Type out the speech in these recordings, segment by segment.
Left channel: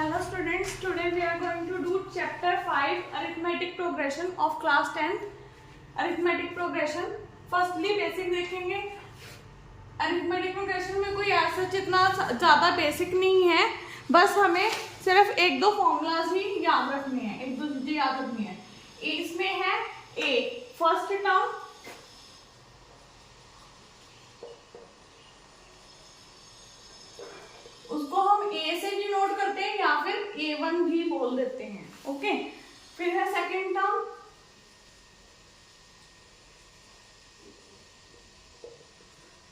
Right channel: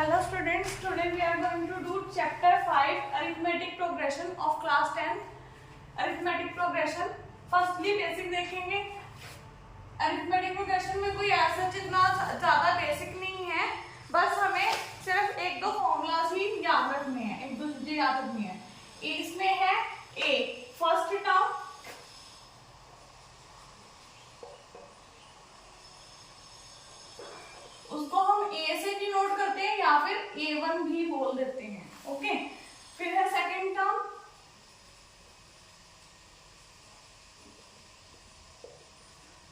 Hello students, today we are going to do chapter 5 arithmetic progression of class 10 arithmetic progression. Firstly basic देखेंगे. arithmetic progression में कोई ऐसा इतना ज़्यादा basic नहीं है, बस हमें सिर्फ एक दो फॉर्मूलाज ही याद रखने हैं, एक दो चीजें याद रखनी है. इसमें है a फर्स्ट टर्म, उसको हम a से डिनोट करते हैं या फिर a1 भी बोल देते हैं. ओके, फिर है second term,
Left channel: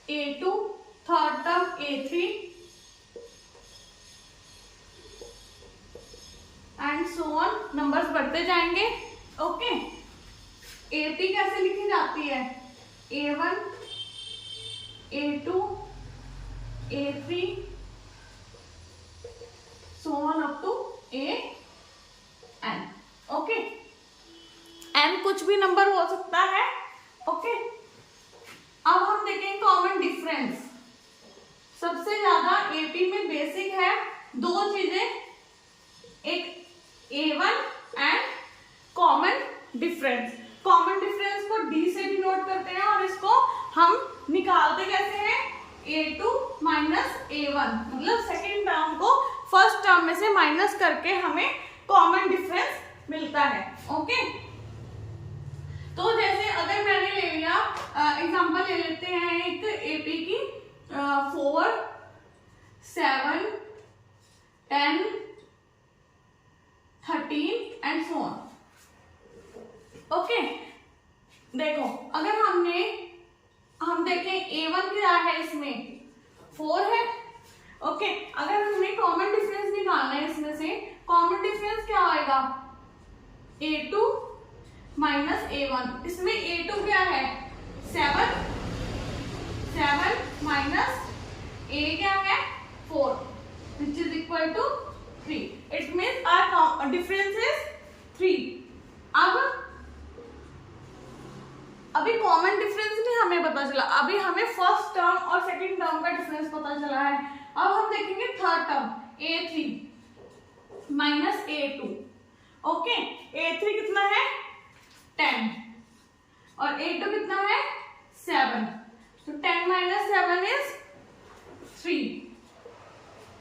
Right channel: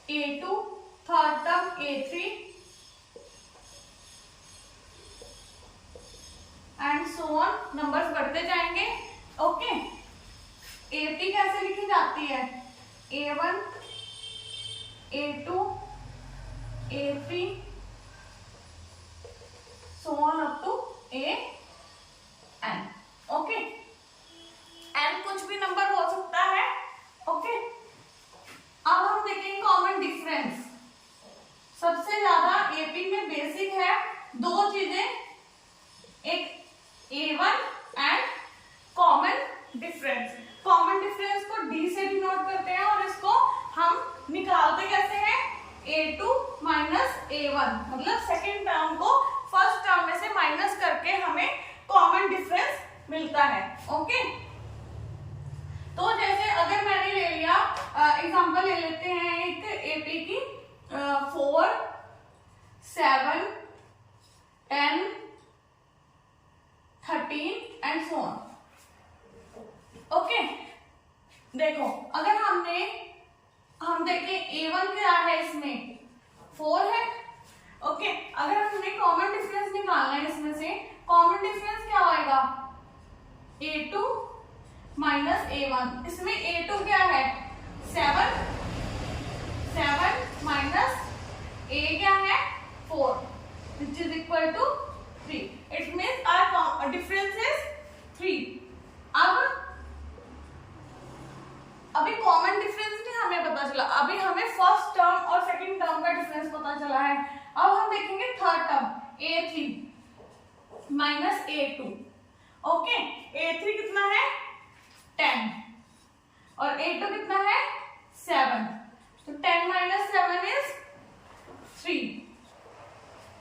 a2, third term a3 and so on. Numbers बढ़ते जाएंगे. ओके, a3 कैसे लिखी जाती है? a1, a2, a3 so on up to an. Okay, n कुछ भी नंबर हो सकता है. ओके, अब हम देखेंगे कॉमन डिफरेंस. सबसे ज्यादा एपी में बेसिक है दो चीजें, एक a1 and common difference. Common difference को d से डिनोट करते हैं और इसको हम निकालते कैसे हैं? a2 माइनस a1, मतलब सेकेंड टर्म को फर्स्ट टर्म में से माइनस करके हमें कॉमन डिफरेंस मिलता है. ओके, तो जैसे अगर मैंने ले लिया एग्जांपल ले लेते हैं एक एपी की 4, 7, 10, 13 एंड सो ऑन. ओके, देखो अगर हम देखें a1 क्या है, इसमें 4 है. ओके, अगर हमने कॉमन डिफरेंस निकालना है इसमें से, कॉमन डिफरेंस क्या आएगा? a2 minus a1. इसमें a2 क्या है? 7 माइनस a क्या है? 4 which is equal to 3. It means our difference is 3. अभी कॉमन डिफरेंस भी हमें पता चला, अभी हमें फर्स्ट टर्म और सेकंड टर्म का डिफरेंस पता चला है. अब हम देखेंगे third term a3 minus a2. Okay, a3 कितना है? 10 और a2 कितना है? 7. तो 10 माइनस 7 इज 3.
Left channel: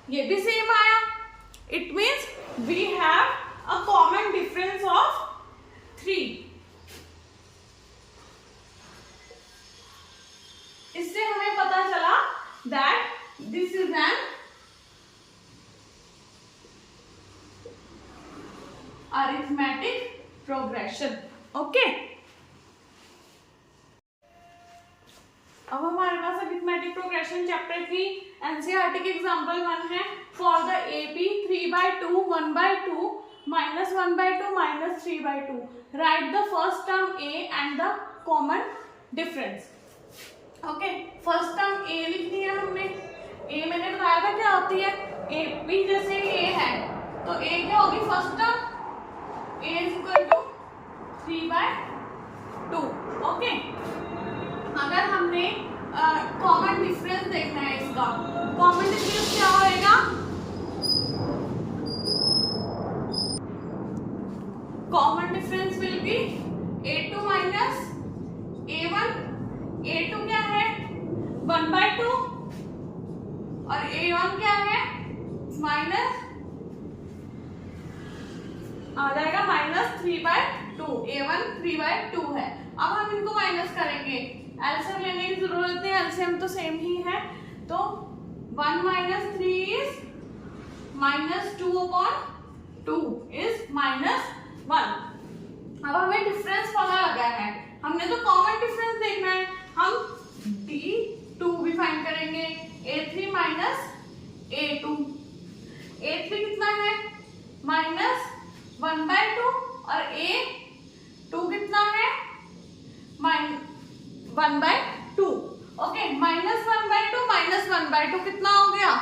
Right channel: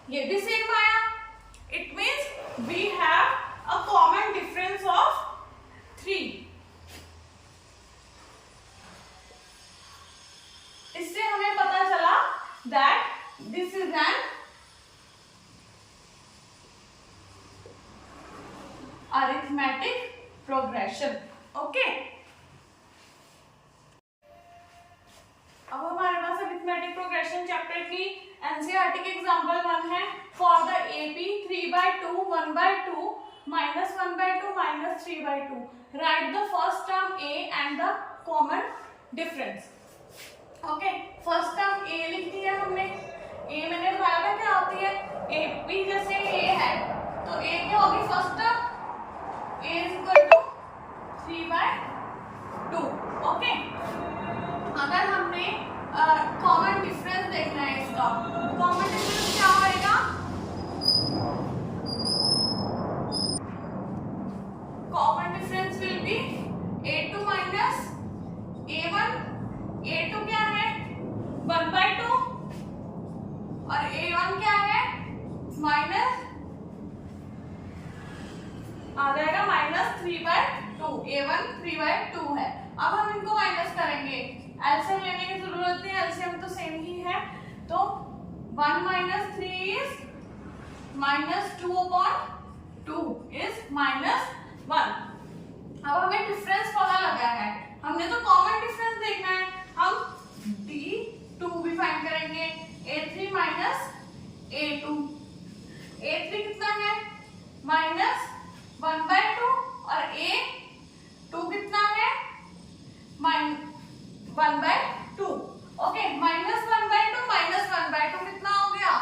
ये भी सेम आया. It means we have a common difference of 3. इससे हमें पता चला that this is an arithmetic progression. Okay, अब हमारे पास अरिथमेटिक प्रोग्रेशन चैप्टर की एनसीईआरटी की एग्जांपल 1 है. For the AP 3/2, 1/2, -1/2, -3/2, right the first term a and the common difference. Okay, first term a लिख दिया हमने. a मैंने बताया था क्या आती है? a भी जैसे a है तो a क्या होगी? First term a is equal to 3/2. Okay, अगर हमने कॉमन डिफरेंस देखना है इसका, कॉमन डिफरेंस क्या होएगा? Common difference will be a2 minus a1. a2 क्या है? 1/2 और a1 क्या है? माइनस आ जाएगा -3/2. a1 3/2 है. अब हम इनको माइनस करेंगे. एलसीएम लेने की जरूरत नहीं, एलसीएम तो सेम ही है. तो 1 माइनस 3 इज -2/2 इज -1. अब हमें डिफरेंस पता लगा है, हमने तो कॉमन डिफरेंस देखना है. हम d2 भी फाइंड करेंगे. a3 minus a2. a3 कितना है? -1/2 और a2 कितना है? -1/2. ओके, -1/2 -1/2 कितना हो गया?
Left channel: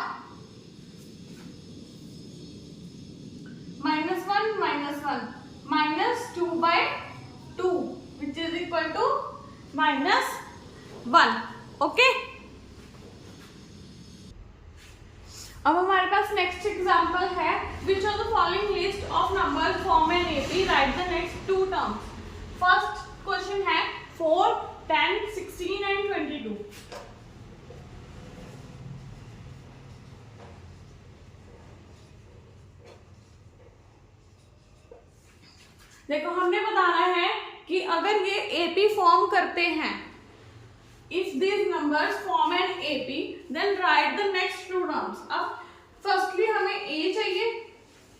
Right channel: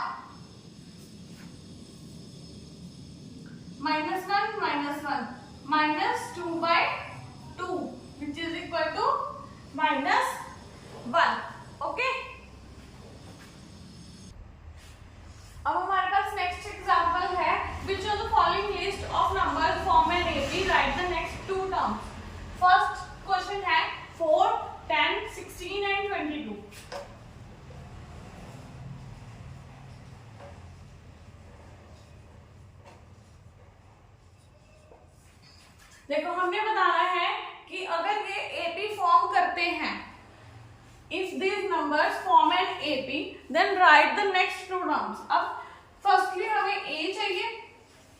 -1 -2/2 which is equal to -1. Okay, अब हमारे पास नेक्स्ट एग्जांपल है Which of the following list of numbers form an AP? Write the next two terms. First question है 4, 10, 16 and 22. देखो हमने बताना है कि अगर ये एपी फॉर्म करते हैं, if these numbers form an AP, then write the next two terms. अब फर्स्टली हमें A चाहिए,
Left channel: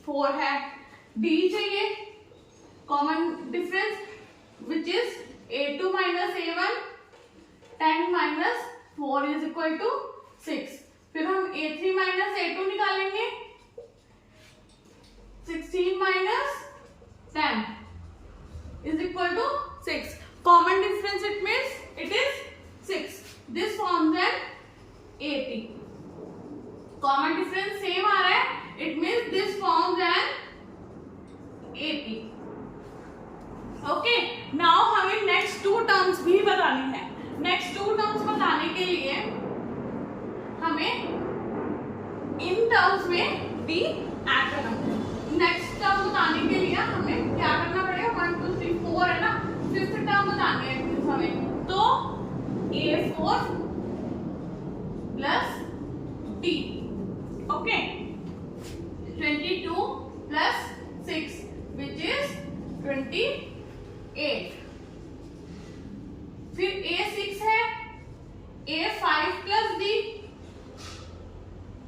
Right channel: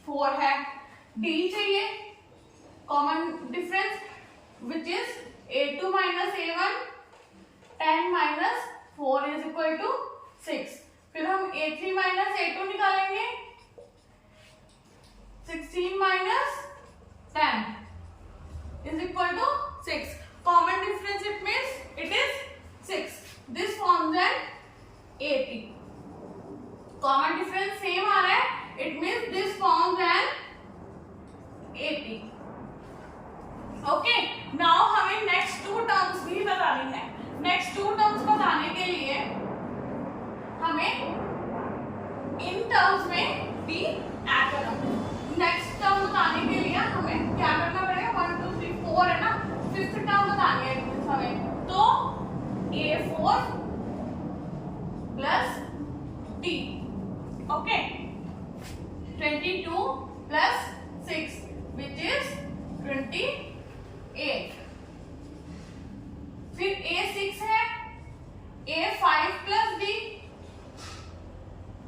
4 है, D चाहिए, common difference which is A2 minus A1, 10 minus 4 is equal to 6. फिर हम A3 minus A2 निकालेंगे, 16 minus 10 is equal to 6. Common difference, it means it is 6. This forms an AP. Common difference same आ रहा है, it means this forms an AP. Okay. Now हमें next two terms भी बतानी है. Next two terms बताने के लिए हमें इन terms में भी add करना है. नेक्स्ट टर्म बताने के लिए हमें क्या करना पड़ेगा, 1 2 3 4 है ना, फिफ्थ टर्म बतानी है हमें, तो A4 plus D. Okay, 22 plus 6 which is 28. फिर A6 है, A5 plus D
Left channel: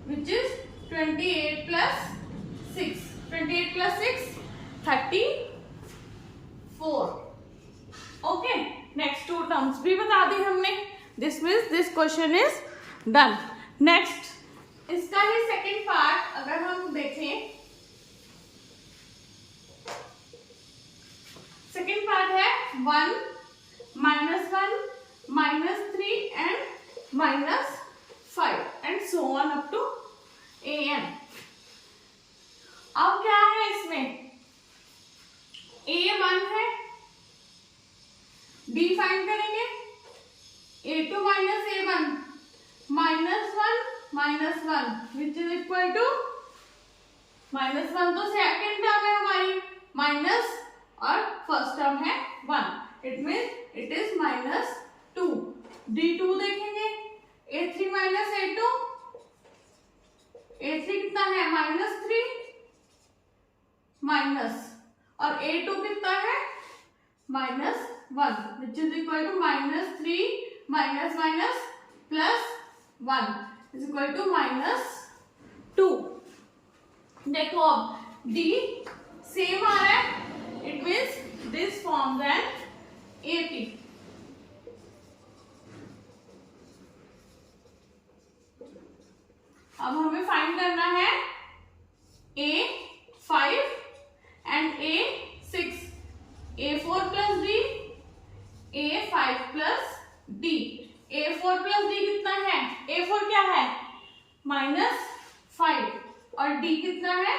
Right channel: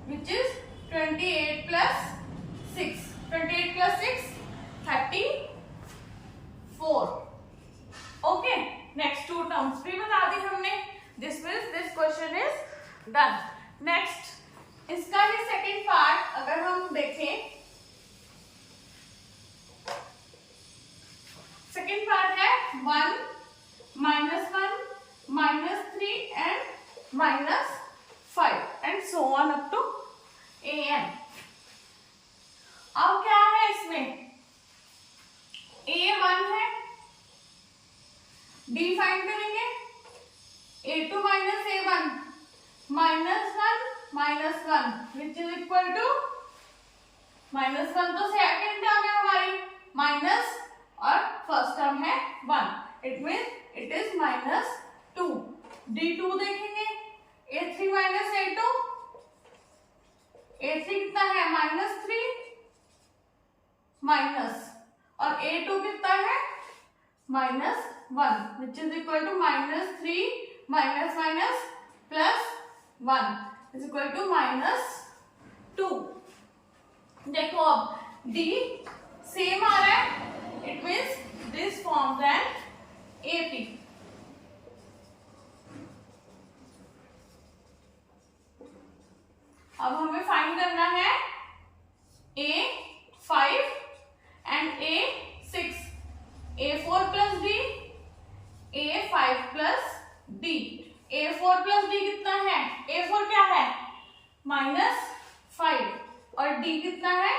which is 28 plus 6. 28 plus 6, 34. Okay. Next two terms भी बता दी हमने. This means this question is done. Next, इसका ही second part अगर हम देखें, second part है 1, -1, -3 and -5 and so on up to an. अब क्या है इसमें, A1 है, D फाइंड करेंगे, A2 minus A1, -1 which is equal to -1 तो सेकेंड टर्म है हमारी, माइनस और फर्स्ट टर्म है 1, it mean it is -2. D2 देखेंगे, A3 minus A2, A3 कितना है -3 माइनस, और A2 कितना है -1 which is equal to -3 minus minus plus 1 is equal to -2. देखो अब D सेम आ रहा है, it means this forms an AP. अब हमें फाइंड करना है A5 and A6, A4 plus D, A5 plus D. A4 plus D कितना है, A4 क्या है -5 और D कितना है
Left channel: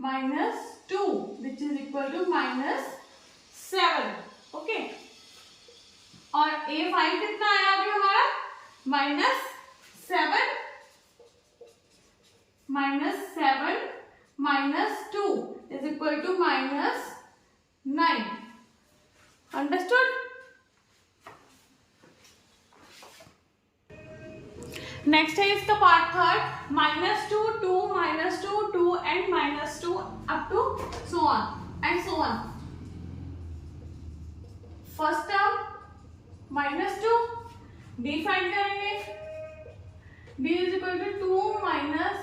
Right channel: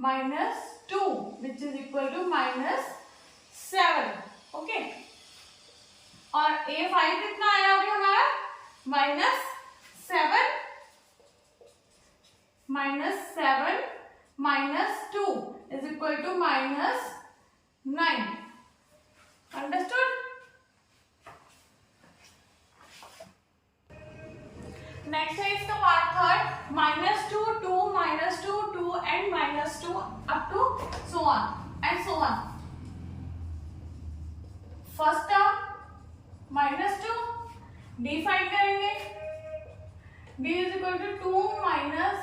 -2 which is equal to -7. Okay, और A5 कितना आया अभी हमारा -7 -2 is equal to -9. Understood? Next है इसका part third, -2, 2, -2, 2 and -2 up to so on and so on. First term -2, D find करेंगे, D is equal to 2 minus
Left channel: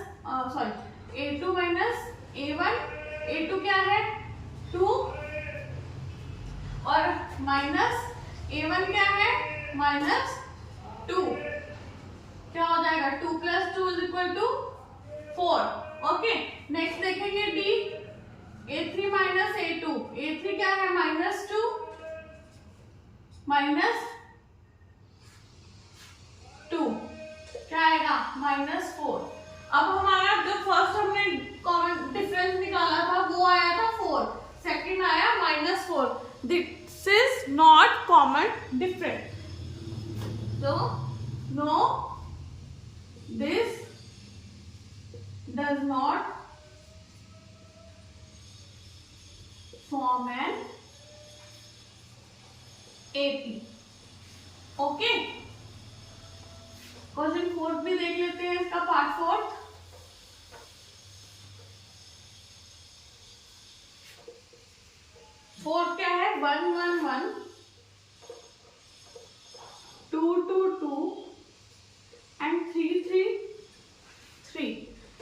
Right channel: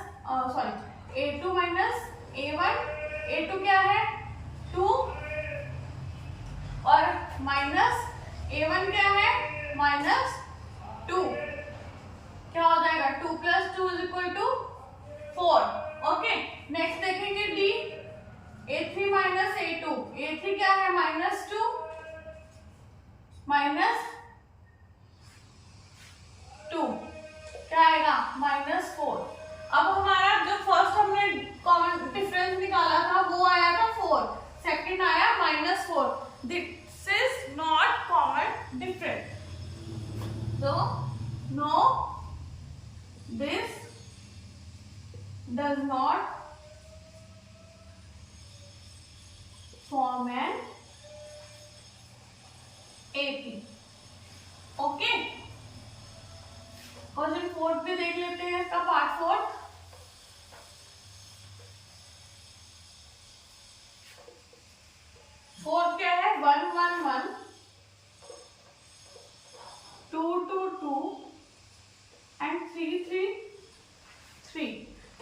A2 minus A1, A2 क्या है 2 और माइनस A1 क्या है -2, क्या हो जाएगा 2 plus 2 is equal to 4. Okay, next देखेंगे D, A3 minus A2, A3 क्या है -2 -2 क्या आएगा -4. अब हमारा जो फर्स्ट हमने कॉमन डिफरेंस निकाला था वो आया था 4, सेकंड आया -4. This is not common difference, so no, this does not AP। Okay, question 4 भी देख लेते हैं इसका पार्ट 4। फोर्थ क्या है? 1 1 1 2 2 2 and 3 3 3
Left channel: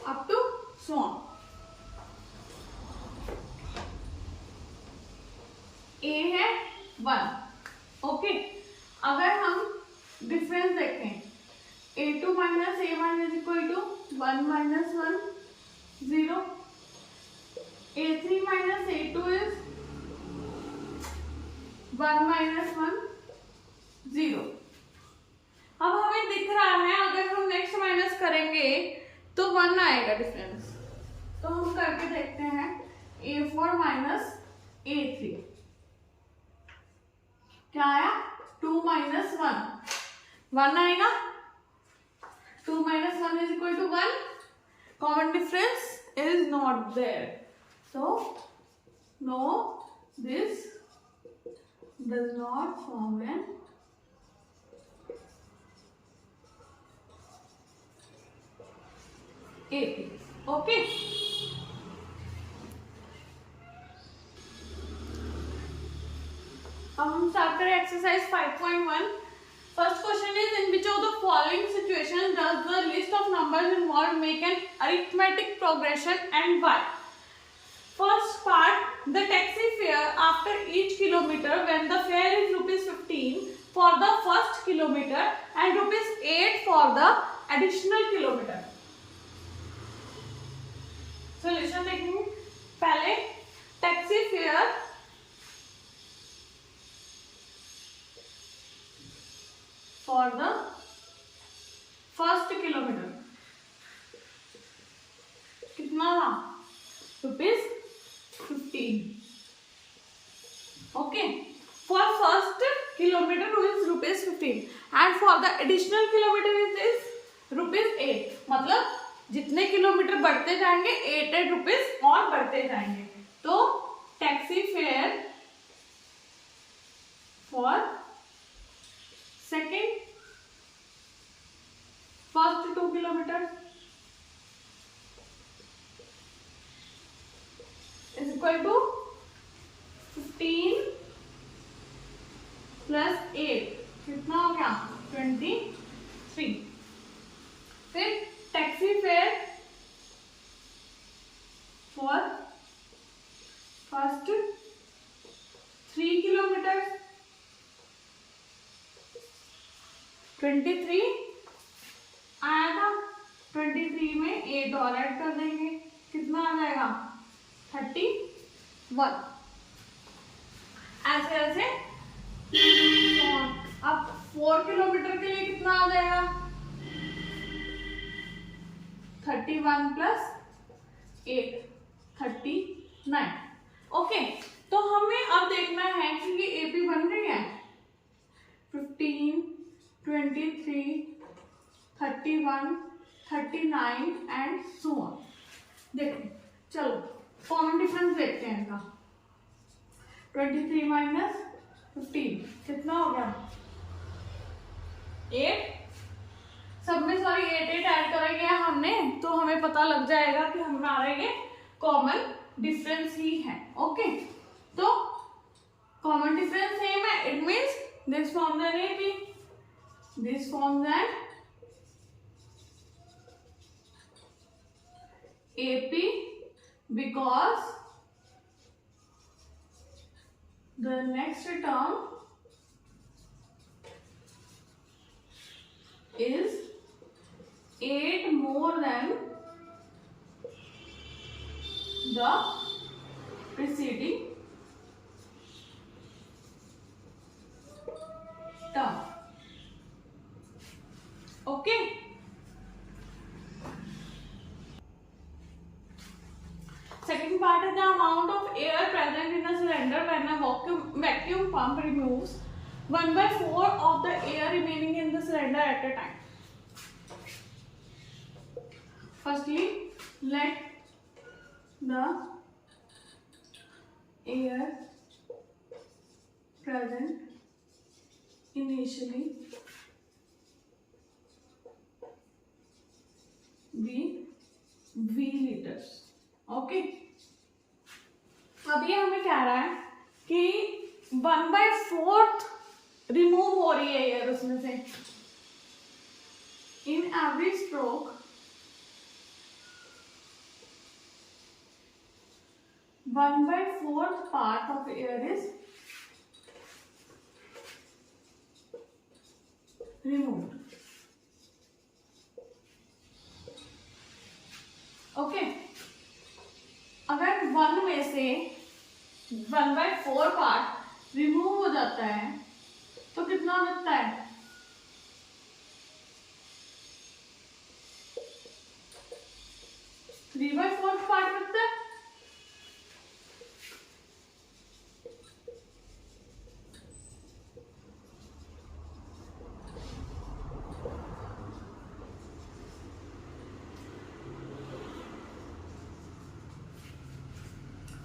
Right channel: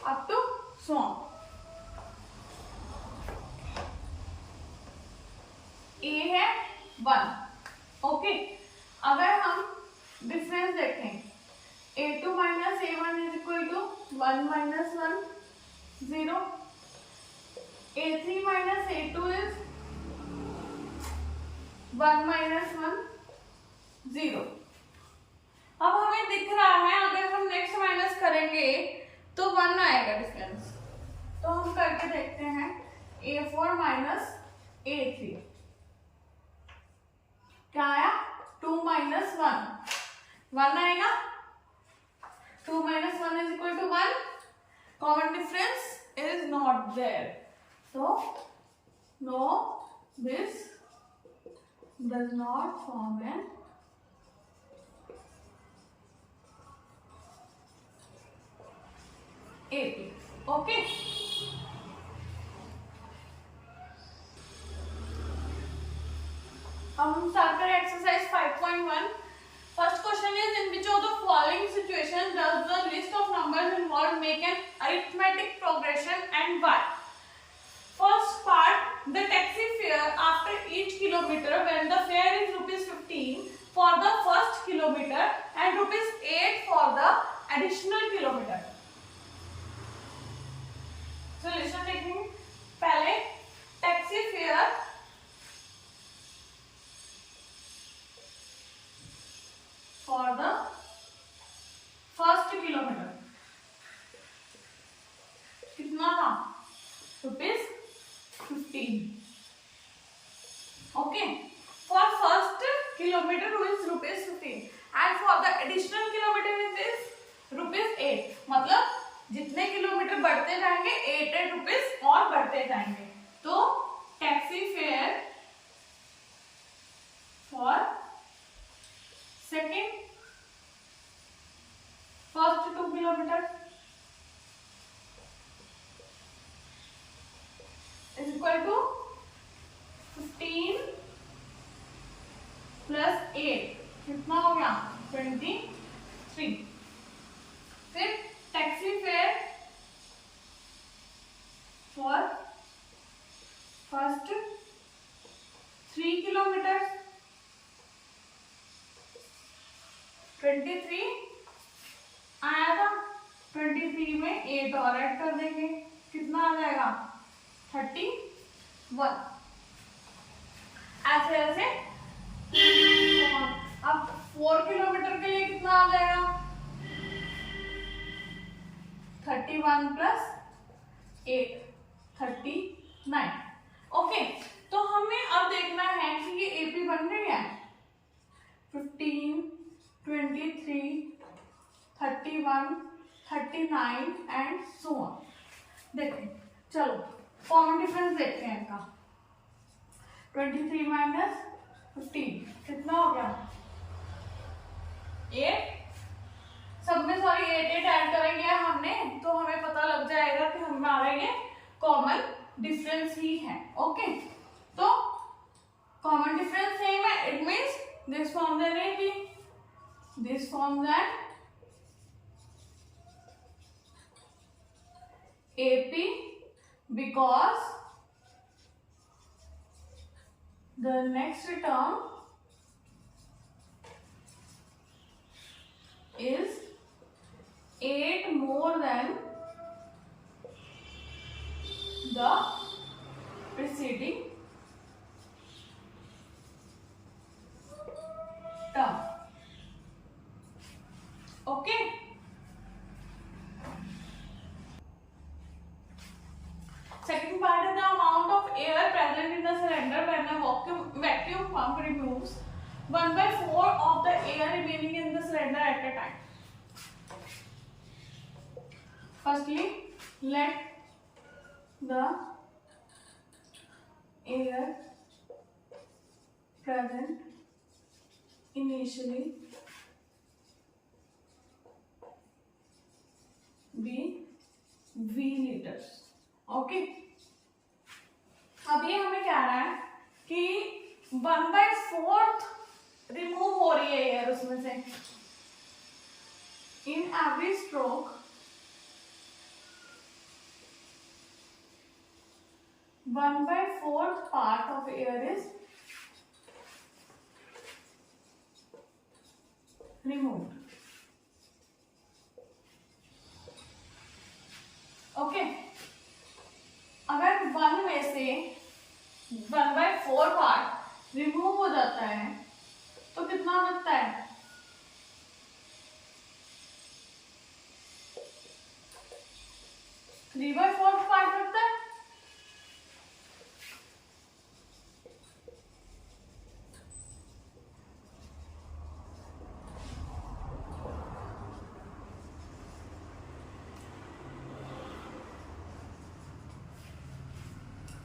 up to so on. A है 1। ओके, अगर हम डिफरेंस देखें, A2 minus A1 is equal to 1 minus 1 0। A3 minus A2 is 1 minus 1 0। अब हमें दिख रहा है अगर हम नेक्स्ट माइनस करेंगे तो 1 आएगा डिफरेंस। तो हम करके देखते हैं। A4 माइनस A3 क्या आया? 2 माइनस 1 1 आएगा। 2 minus 1 is equal to 1। Common difference is not there, so no, this does not form an AP। Okay, अब हम स्टार्ट करें exercise 5.1। First question is in which of the following situation does the list of numbers involve make an arithmetic progression and why. First part, the taxi fare after each kilometre when the fare is ₹15 for the first kilometre and ₹8 for the additional kilometre. Solution देखेंगे। पहले taxi fare for the first kilometre कितना था? ₹15। Okay, for first kilometre ₹15 and for the additional kilometre is ₹8। मतलब जितने kilometre बढ़ते जाएंगे 8 rupees और बढ़ते जाएंगे। तो taxi fare for second first 2 kilometre is equal to 15 plus 8 कितना हो गया? 23। फिर taxi fare for first 3 kilometre 23 आया था। 23 में 8 और ऐड कर देंगे, कितना आ जाएगा? 31। ऐसे ऐसे। अब 4 किलोमीटर के लिए कितना आ जाएगा? 31 प्लस 8 39। ओके, तो हमें अब देखना है कि ये एपी बन रही है। 15 23 31 39 एंड सो ऑन। देखें, चलो कॉमन डिफरेंस देखते हैं इनका। 23 माइनस 15 कितना हो गया? 8। सब में सॉरी 8 ऐड करेंगे हमने तो हमें पता लग जाएगा कि हमारा ये कॉमन डिफरेंस ही है। ओके, तो कॉमन डिफरेंस सेम है। It means this forms an AP, this forms an AP because the next term is 8 more than the preceding term. Okay. Second part is the amount of air present in the cylinder when a vacuum pump removes 1/4 of the air remaining in the cylinder at a time. Firstly, let the air present initially be V liters. Okay, अब ये हमें कह रहा है कि 1/4 remove हो रही है एयर उसमें से. In every stroke 1/4 part of air is removed. Okay, अगर 1 में से 1/4 पार्ट रिमूव हो जाता है तो कितना बचता है? 3/4 पार्ट बचता है.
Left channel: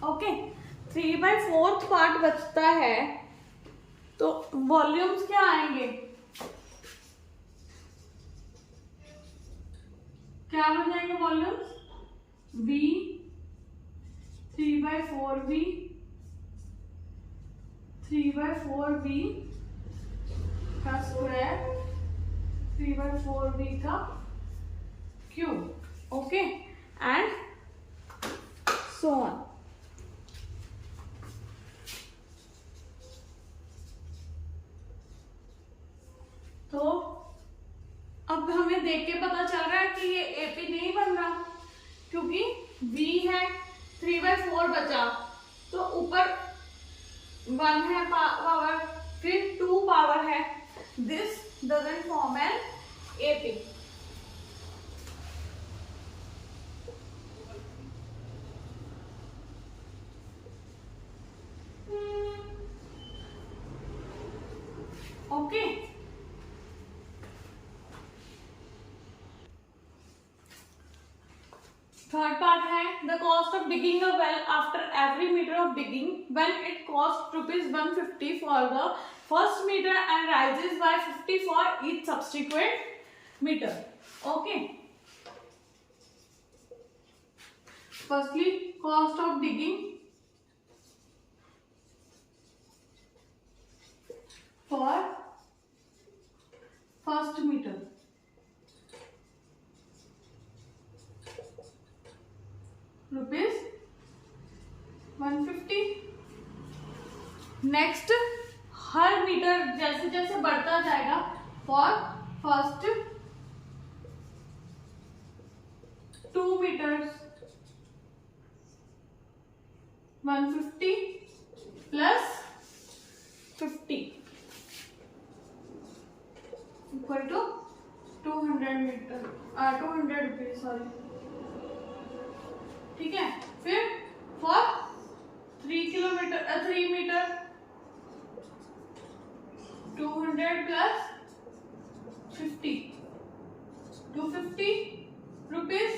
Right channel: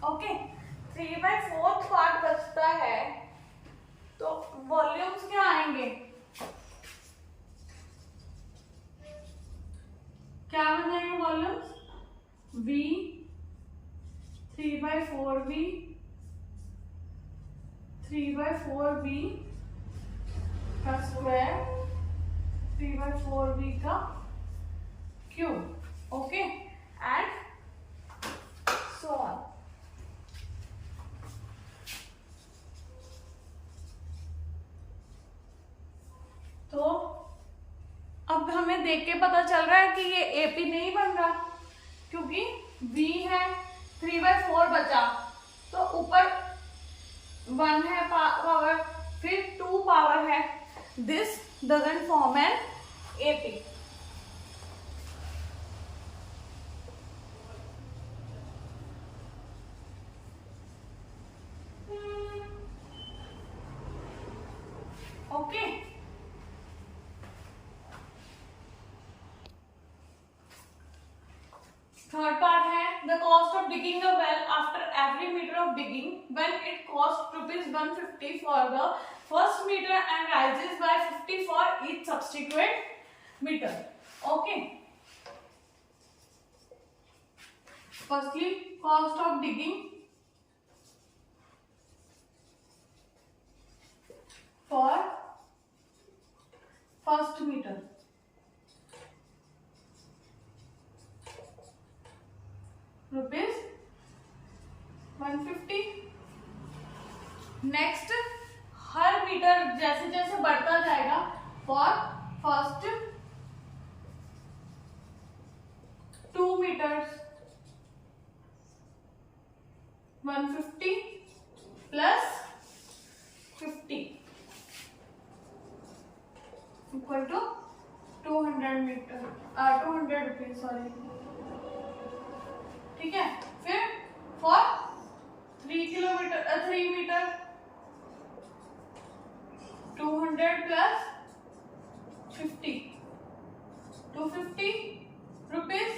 ओके, 3/4 पार्ट बचता है तो वॉल्यूम्स क्या आएंगे? क्या बन जाएंगे वॉल्यूम्स? V 3/4V 3/4V का स्क्वायर 3/4V का cube. Okay, and so on. तो अब हमें देख के पता चल रहा है कि ये एपी नहीं बन रहा क्योंकि V है, 3/4 बचा तो ऊपर 1 है पावर, फिर 2 पावर है. This doesn't form an AP. Okay, third part है the cost of digging a well after every metre of digging when it cost ₹150 for the first metre and rises by 50 for each subsequent metre. Okay, firstly cost of digging for first metre ₹150. Next, हर metre जैसे जैसे बढ़ता जाएगा for first 2 meters 150 plus 50 equal to 200 meter 200 rupees sorry. ठीक है, फिर for 3 meter 200 plus 50 250 rupees.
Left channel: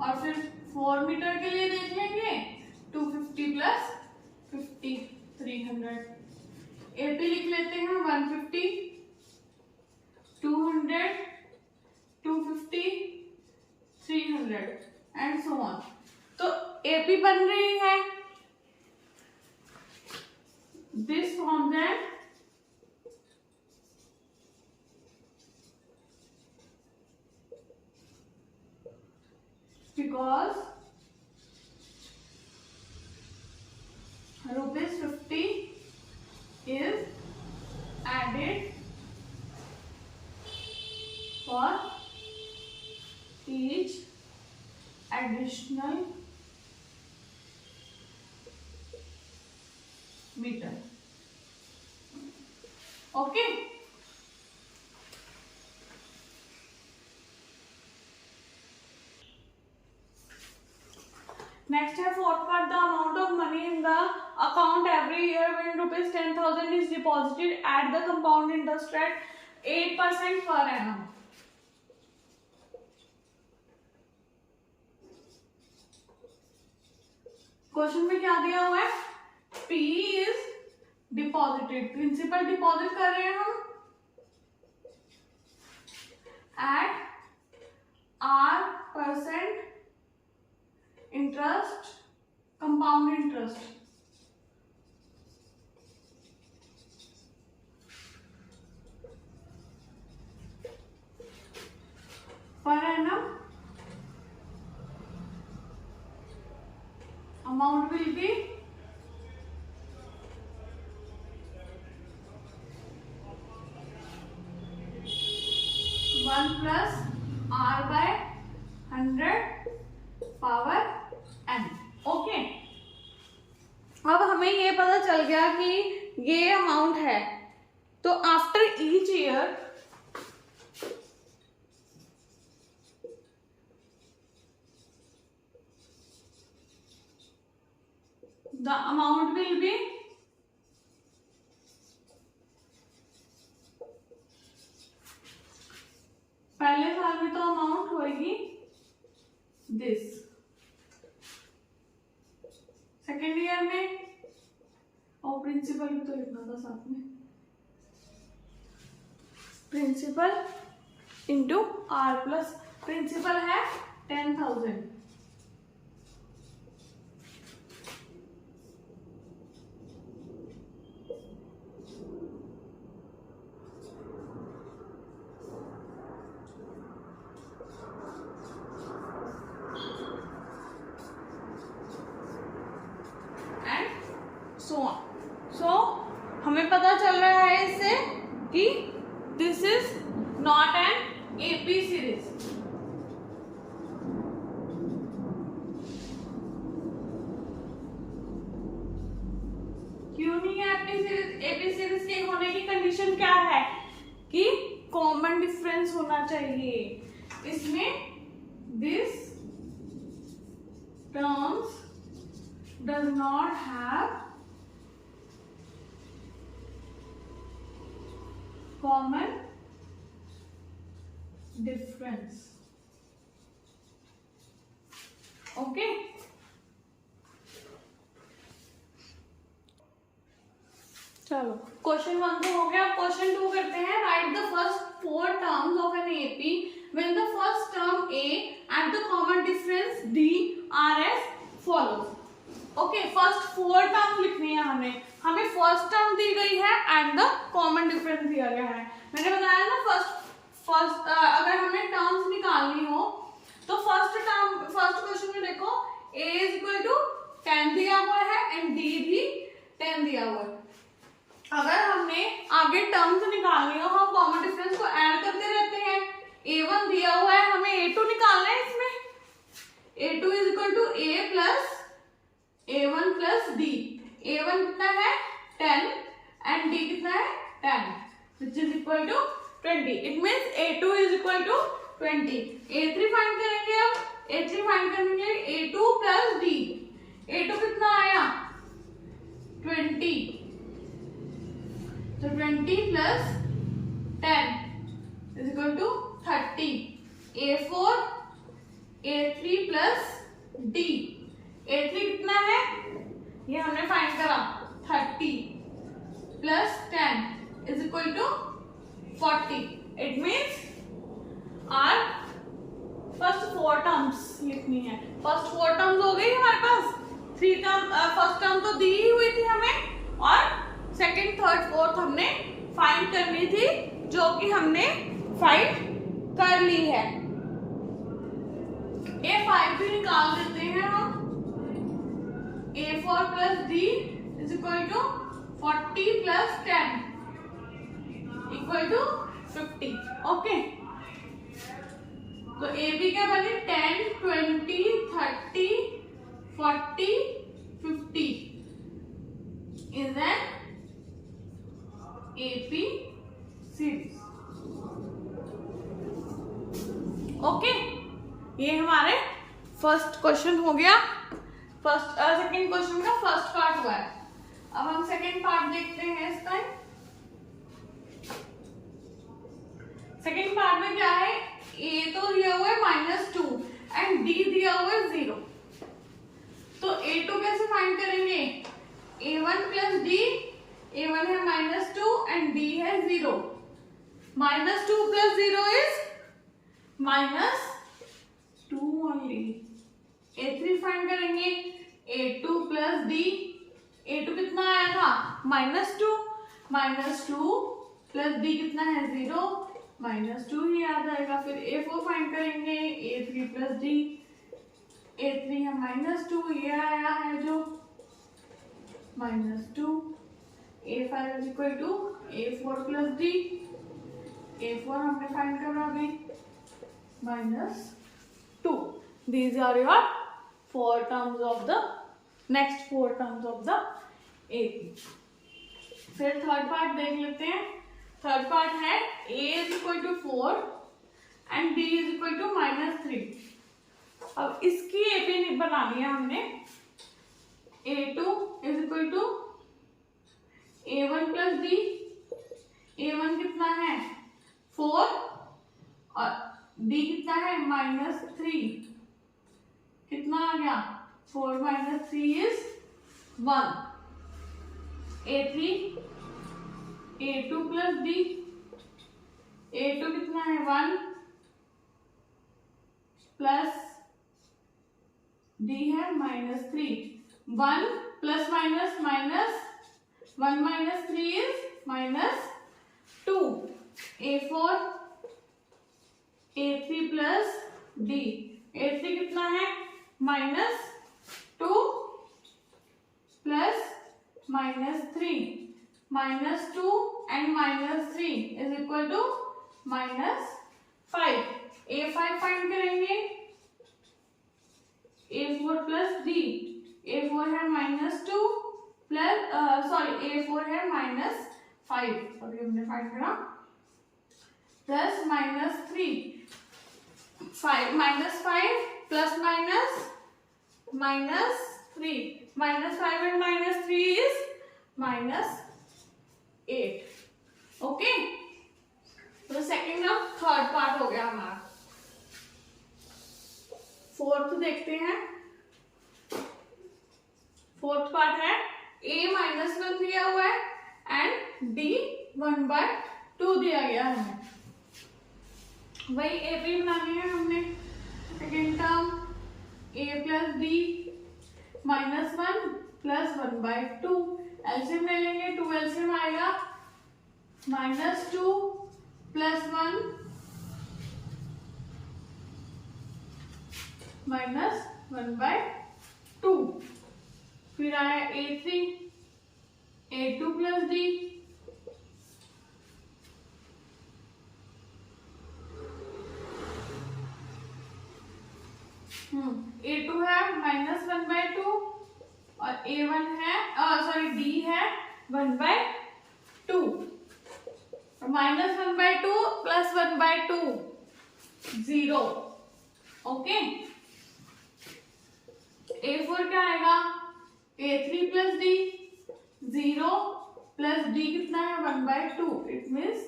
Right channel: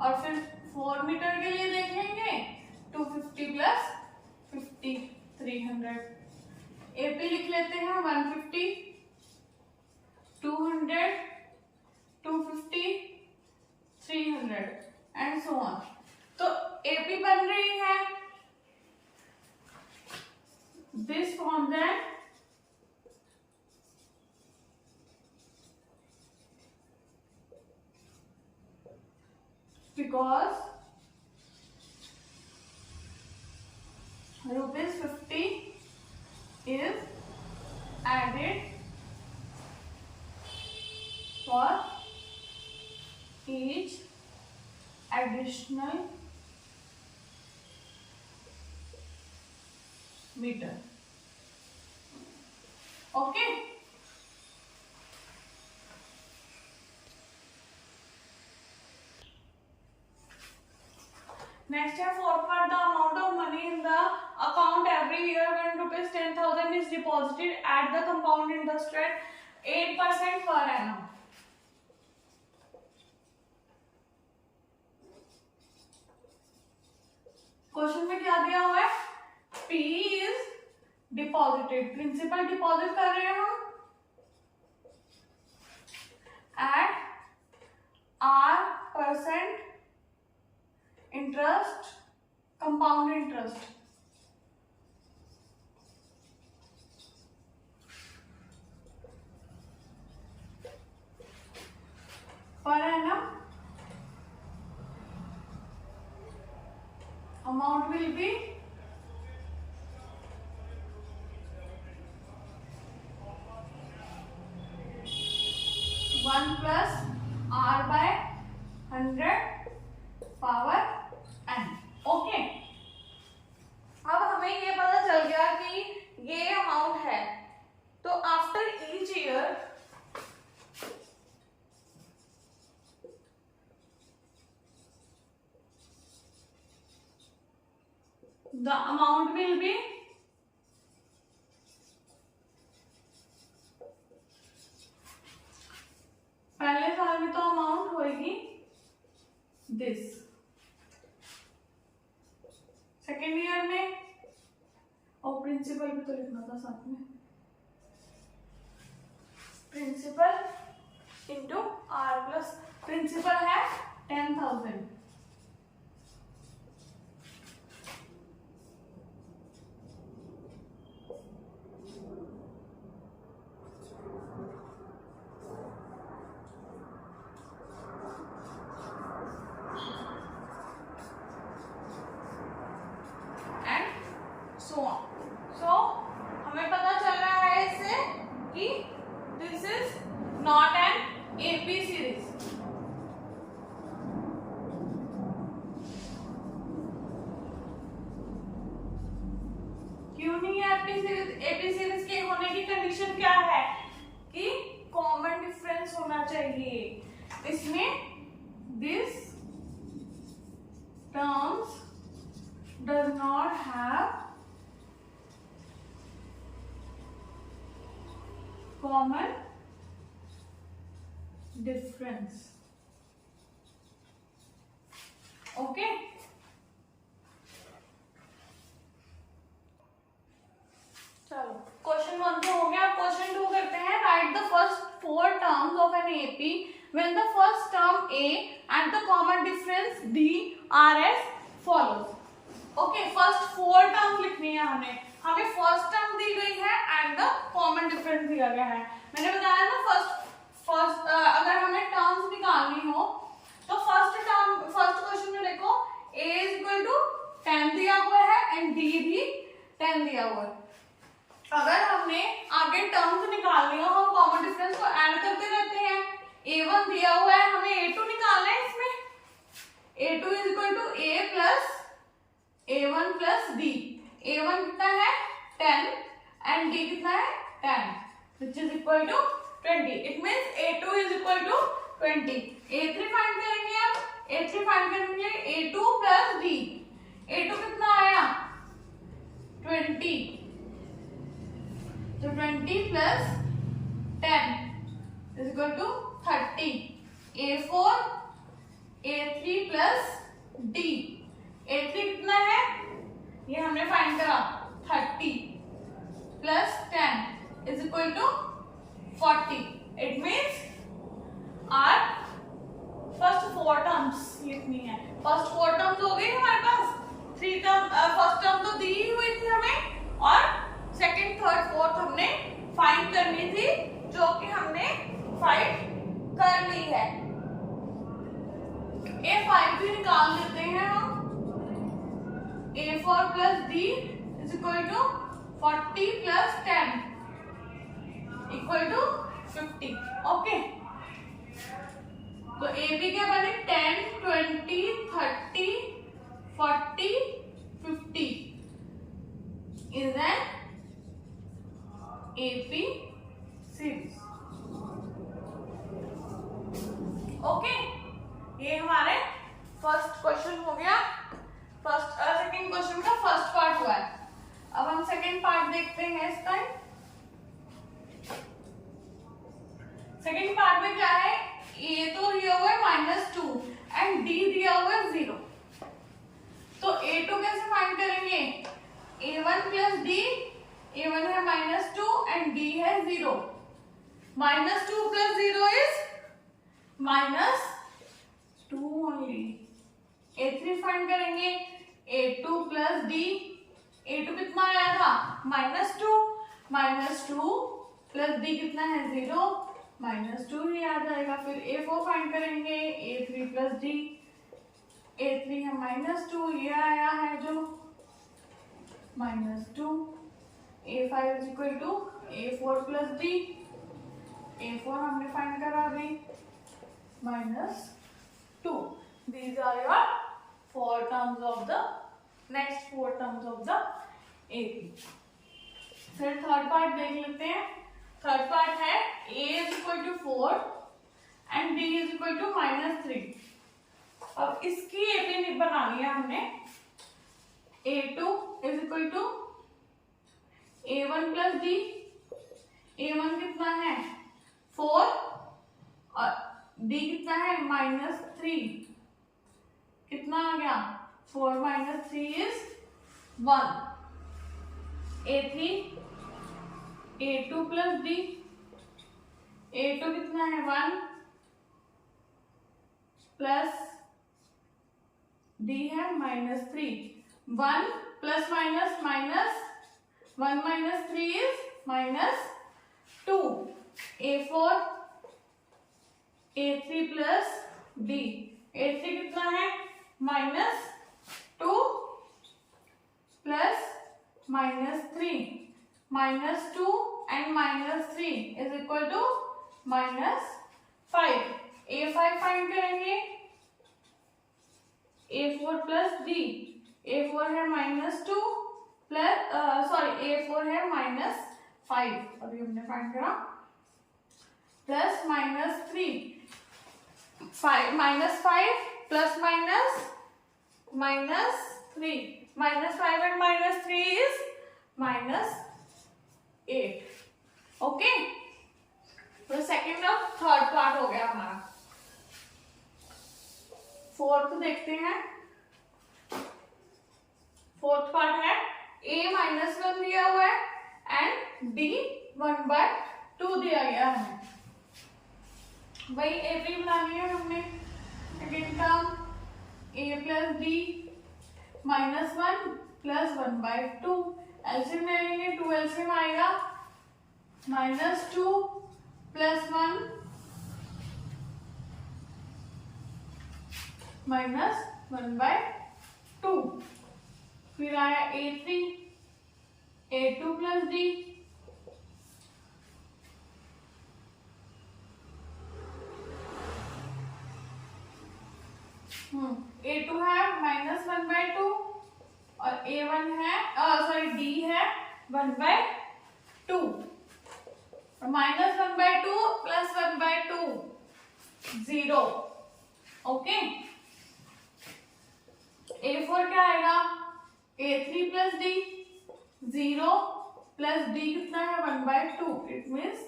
और फिर 4 मीटर के लिए देख लेंगे 250 plus 50 300. एपी लिख लेते हैं 150 200 250 300 एंड सो ऑन. तो एपी बन रही है. This form that because ₹50 is added for each additional meter. Okay. Next है fourth part, the amount of money in the account every year when ₹10,000 is deposited at the compound interest rate 8% per annum. Question में क्या दिया हुआ है? P is deposited, principal deposit कर रहे हैं हम at R% interest, compound interest, per annum amount will be 1 plus R by 100 power n। ओके, अब हमें ये पता चल गया कि ये अमाउंट है, तो after each year the amount will be पहले साल में तो अमाउंट होगी दिस, सेकेंड ईयर में, और प्रिंसिपल भी तो लिखना था साथ में, principal into R plus, principal है 10,000, सो हमें पता चल रहा है इससे कि this is not an AP series. क्यों नहीं है एपी सीरीज? एपी सीरीज के होने की कंडीशन क्या है कि कॉमन डिफरेंस होना चाहिए इसमें, this terms does not have common difference। Okay, चलो क्वेश्चन 1 तो हो गया। क्वेश्चन 2 करते हैं। Write the first 4 terms of an AP when the first term a and the common difference d are as follows. Okay, first 4 terms लिखनी है हमें first term दी गई है एंड द कॉमन डिफरेंस दिया गया है। मैंने बताया ना फर्स्ट अगर हमें टर्म्स निकालनी हो तो फर्स्ट क्वेश्चन में देखो a इज इक्वल टू 10 दिया हुआ है एंड d भी 10 दिया हुआ है। अगर हमने आगे टर्म्स निकालनी हो हम कॉमन डिफरेंस को ऐड करते रहते हैं। a1 दिया हुआ है, हमें a2 निकालना है। इसमें a2 is equal to a plus a1 plus d। a1 कितना है 10 एंड d कितना है 10 which is equal to 20। It means a2 is equal to 20। a3 find करेंगे। अब a3 फाइंड करेंगे a2 प्लस d। a2 कितना आया 20, तो 20 plus 10 is equal to 30। a4 a3 plus d। a3 कितना है ये हमने फाइंड करा 30 plus 10 is equal to 40। It means our first 4 terms लिखनी है। फर्स्ट 4 टर्म्स हो गई हमारे पास। 3 टर्म फर्स्ट टर्म तो दी ही हुई थी हमें और सेकंड थर्ड फोर्थ हमने फाइंड करनी थी जो कि हमने फाइंड कर ली है। a5 भी निकाल देते हैं हम। a4 plus d is equal to 40 plus 10 इक्वल टू 50। ओके, तो ए बी क्या बने 10, 20, 30, 40, 50 is an AP series. Okay, ये हमारे फर्स्ट क्वेश्चन हो गया। सेकंड क्वेश्चन का फर्स्ट पार्ट हुआ है। अब हम सेकंड पार्ट देखते हैं इसका। सेकंड पार्ट में क्या है, a तो दिया हुआ है -2 एंड d दिया हुआ है 0। तो a2 कैसे फाइंड करेंगे, a1 प्लस d A1 है -2 एंड D है 0. -2 + 0 इज -2 ओनली. A3 फाइंड करेंगे. A2 + D. A2 कितना आया था? -2. -2 + D कितना है? 0. -2 ही आ जाएगा. फिर A4 फाइंड करेंगे. A3 + D. A3 है -2, ये आया है जो -2. A5 = A4 + D. A4 हमने फाइंड करा अभी -2. These are your 4 terms of the next 4 terms of the AP. फिर थर्ड पार्ट देख लेते हैं. थर्ड पार्ट है A = 4 एंड D = -3. अब इसकी AP बनानी है हमने. A2 = A1 + D. A1 कितना है? 4 और D कितना है? -3. कितना आ गया? 4 - 3 is 1. A3 A2 + D. A2 कितना है? 1 प्लस D है -3. 1 + -1 - 3 is -2. A4 A3 + D. A3 कितना है? -2 plus -3. -2 and -3 is equal to -5. A5 find करेंगे. A4 + D. A4 है -2 प्लस A4 है -5. अभी हमने फाइंड करा. Plus -3. 5 -5 plus -3. -5 and -3 is -8. Okay. तो सेकेंड और थर्ड पार्ट हो गया हमारा. फोर्थ देखते हैं. फोर्थ पार्ट है A -1 दिया हुआ है एंड D 1/2 दिया गया हमें. वही AP बनानी है हमने. Second term A + D -1 + 1/2. LCM ले लेंगे. 2 एलसीएम आएगा. -2 + 1 -1/2. फिर आया A3 A2 + D. A2 है -1/2 और A1 है D है 1/2. -1/2 + 1/2 0. ओके. A4 क्या आएगा? A3 + D. 0 + D कितना है? 1/2. It means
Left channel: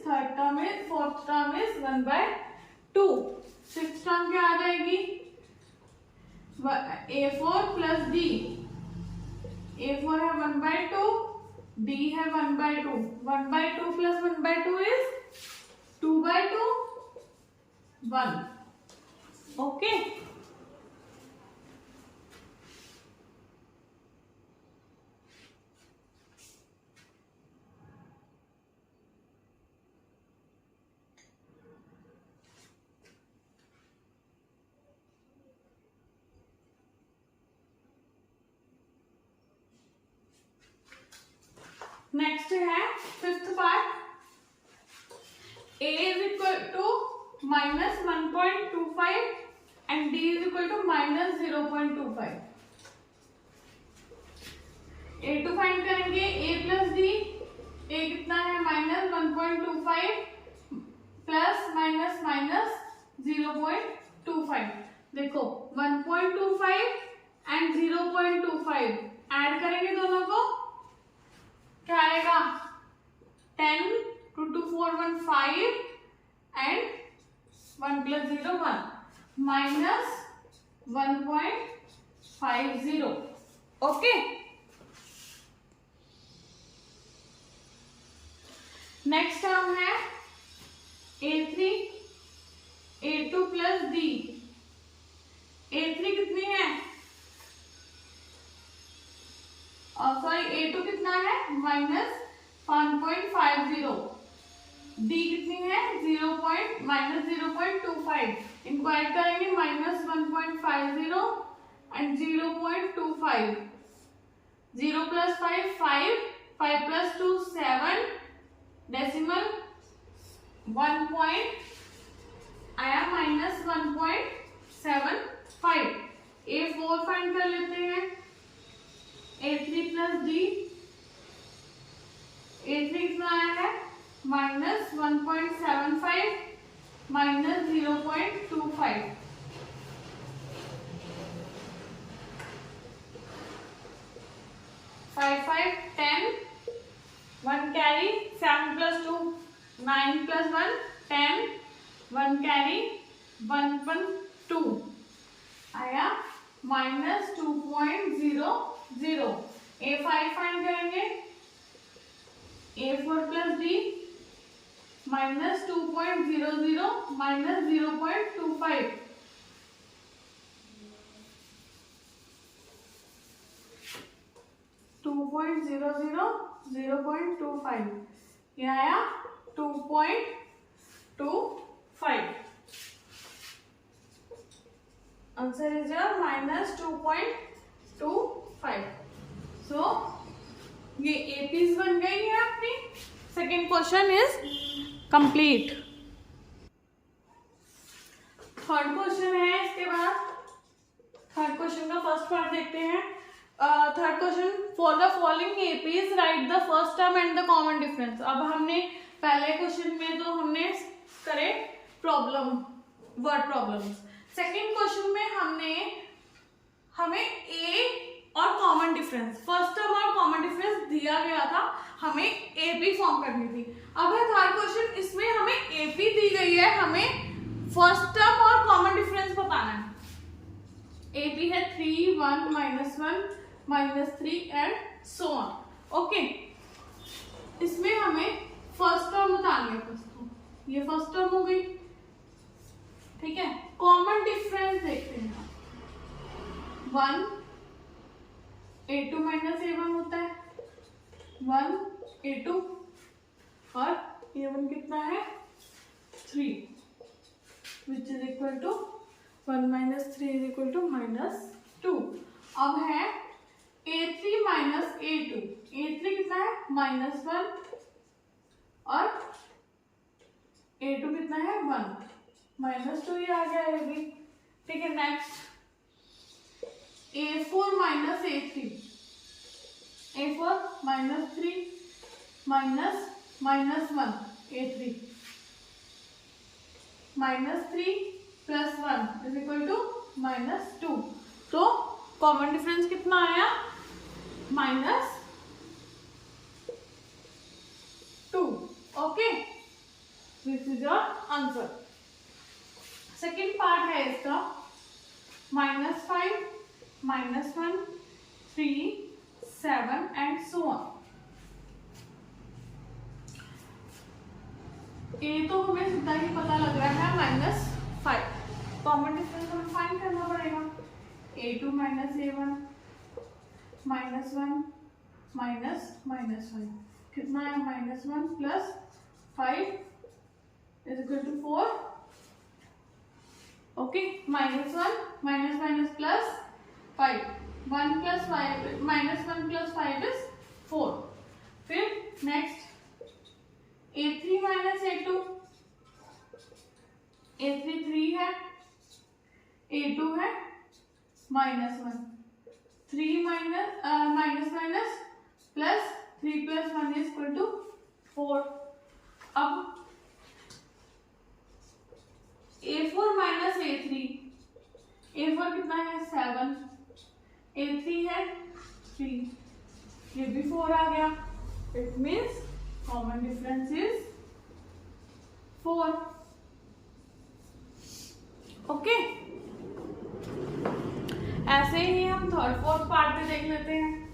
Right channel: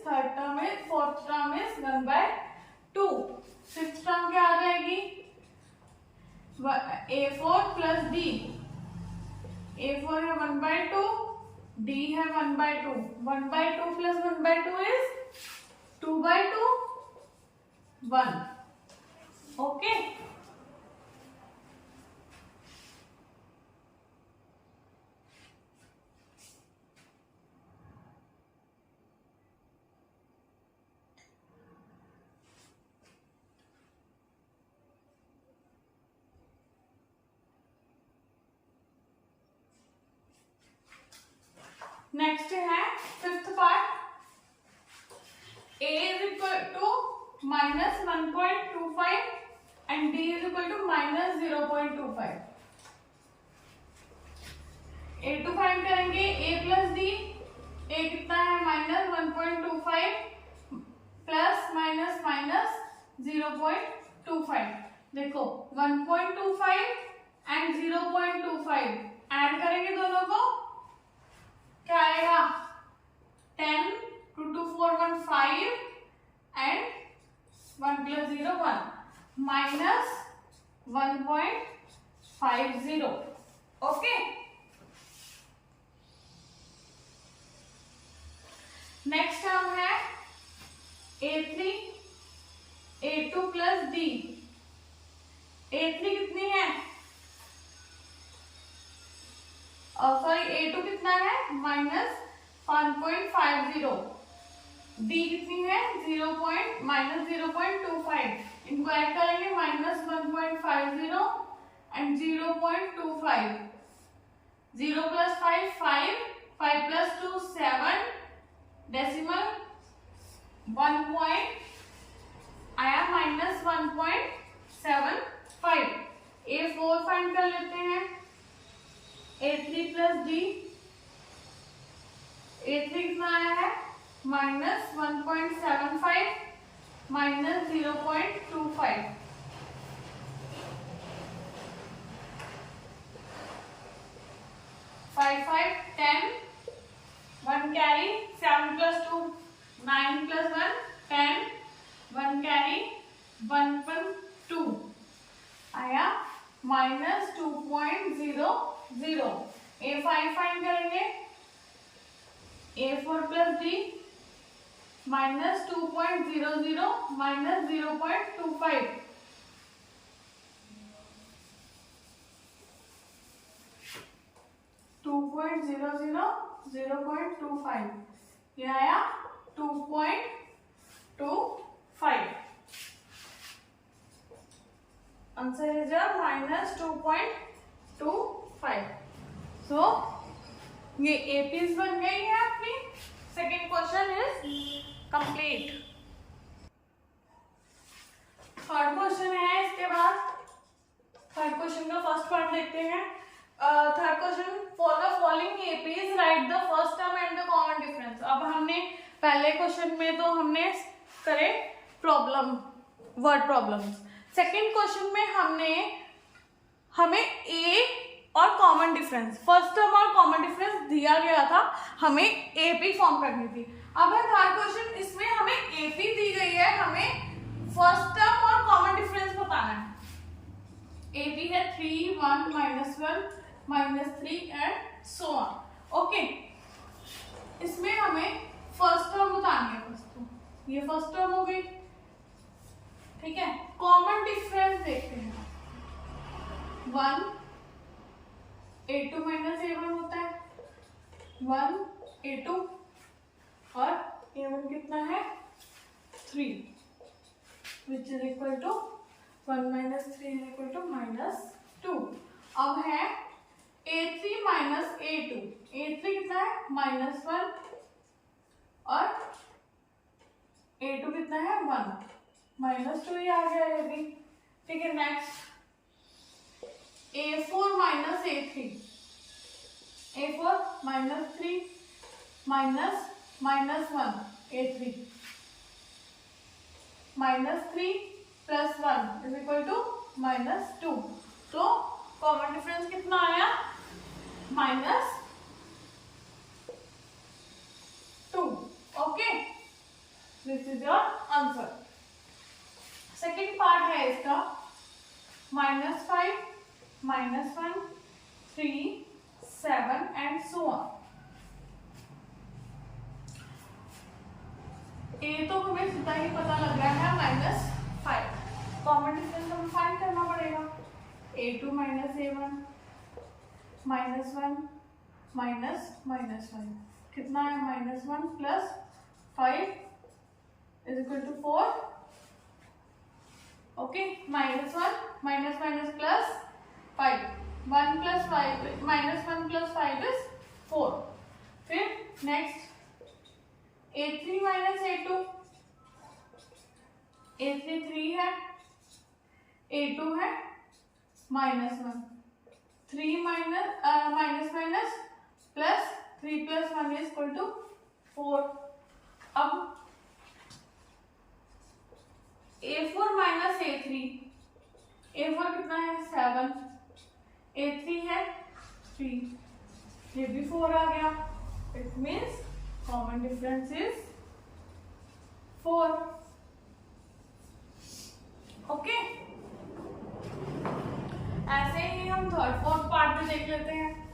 fourth term is 1/2. Sixth term क्या आ जाएगी? A4 + D. A4 है 1/2. D है 1/2. 1/2 + 1/2 is 2/2. 1. ओके. नेक्स्ट है fifth part. A is equal to -1.25 and D is equal to -0.25. A2 find करेंगे. A + D. A कितना है? -1.25 प्लस -0.25. देखो 1.25 and 0.25 add करेंगे दोनों को. क्या आएगा? 10 2 2 4 1 5 एंड 1 + 0 1 -1.50. ओके. सॉरी A2 कितना है -1.50, D कितनी है -0.25, इनको ऐड करेंगे -1.50 एंड 0.25, 0 + 5 5, 5 + 2 7, डेसिमल 1 पॉइंट आया -1.75। A4 फाइंड कर लेते हैं, A3 + D, A3 कितना आया है -1.75 -0.25, 5 5 10, 1 कैरी, 7 + 2 9 + 1 10, 1 कैरी 1 1 2 आया -2.00। A5 फाइंड करेंगे, A4 + D -2.00 -0.25, 2.00 0.25, यह आया 2.25। Answer is -2.25। सो ये एपीज बन गई है अपनी। Second question is complete. Third question है इसके बाद। थर्ड क्वेश्चन का फर्स्ट पार्ट देखते हैं। Third question, for the following APs right the first term and the common difference. अब हमने पहले क्वेश्चन में तो हमने करे problem, word problems. Second question में हमें ए और कॉमन डिफरेंस, फर्स्ट टर्म और कॉमन डिफरेंस दिया गया था, हमें एपी फॉर्म करनी थी। अब है थर्ड क्वेश्चन, इसमें हमें एपी दी गई है, हमें फर्स्ट टर्म और कॉमन डिफरेंस बताना है। एपी है 3 1 -1 -3 एंड सो ऑन। ओके, इसमें हमें फर्स्ट टर्म बतानी है। ये फर्स्ट टर्म हो गई, ठीक है। कॉमन डिफरेंस देखते हैं, 1 A2 - A1 होता है, 1 A2 और A1 कितना है 3, which is equal to 1 - 3 is equal to -2। अब है A3 - A2, A3 कितना है -1 और A2 कितना है 1, -2 ही आ गया ये भी, ठीक है। Next A4 - A3, A4 -3 -1 A3, -3 + 1 is equal to -2। तो कॉमन डिफरेंस कितना आया -2। Okay, this is your answer. Second part है इसका, -5 -1 3 7 एंड सो ऑन। ए तो हमें सीधा ही पता लग रहा है -5, कॉमन डिफरेंस हमें फाइंड करना पड़ेगा। A2 - A1 -1 -5 कितना है -1 + 5 is equal to 4। Okay, -1 plus 5, 1 + 5 -1 + 5 is 4। फिर नेक्स्ट A3 - A2, A3 3 है, A2 है -1, 3 minus plus 3 + 1 is equal to 4। अब A4 - A3, A4 कितना है 7, A3 है 3, ये भी 4 आ गया। It means common difference is 4। Okay, ऐसे ही हम थर्ड फोर्थ पार्ट में देख लेते हैं।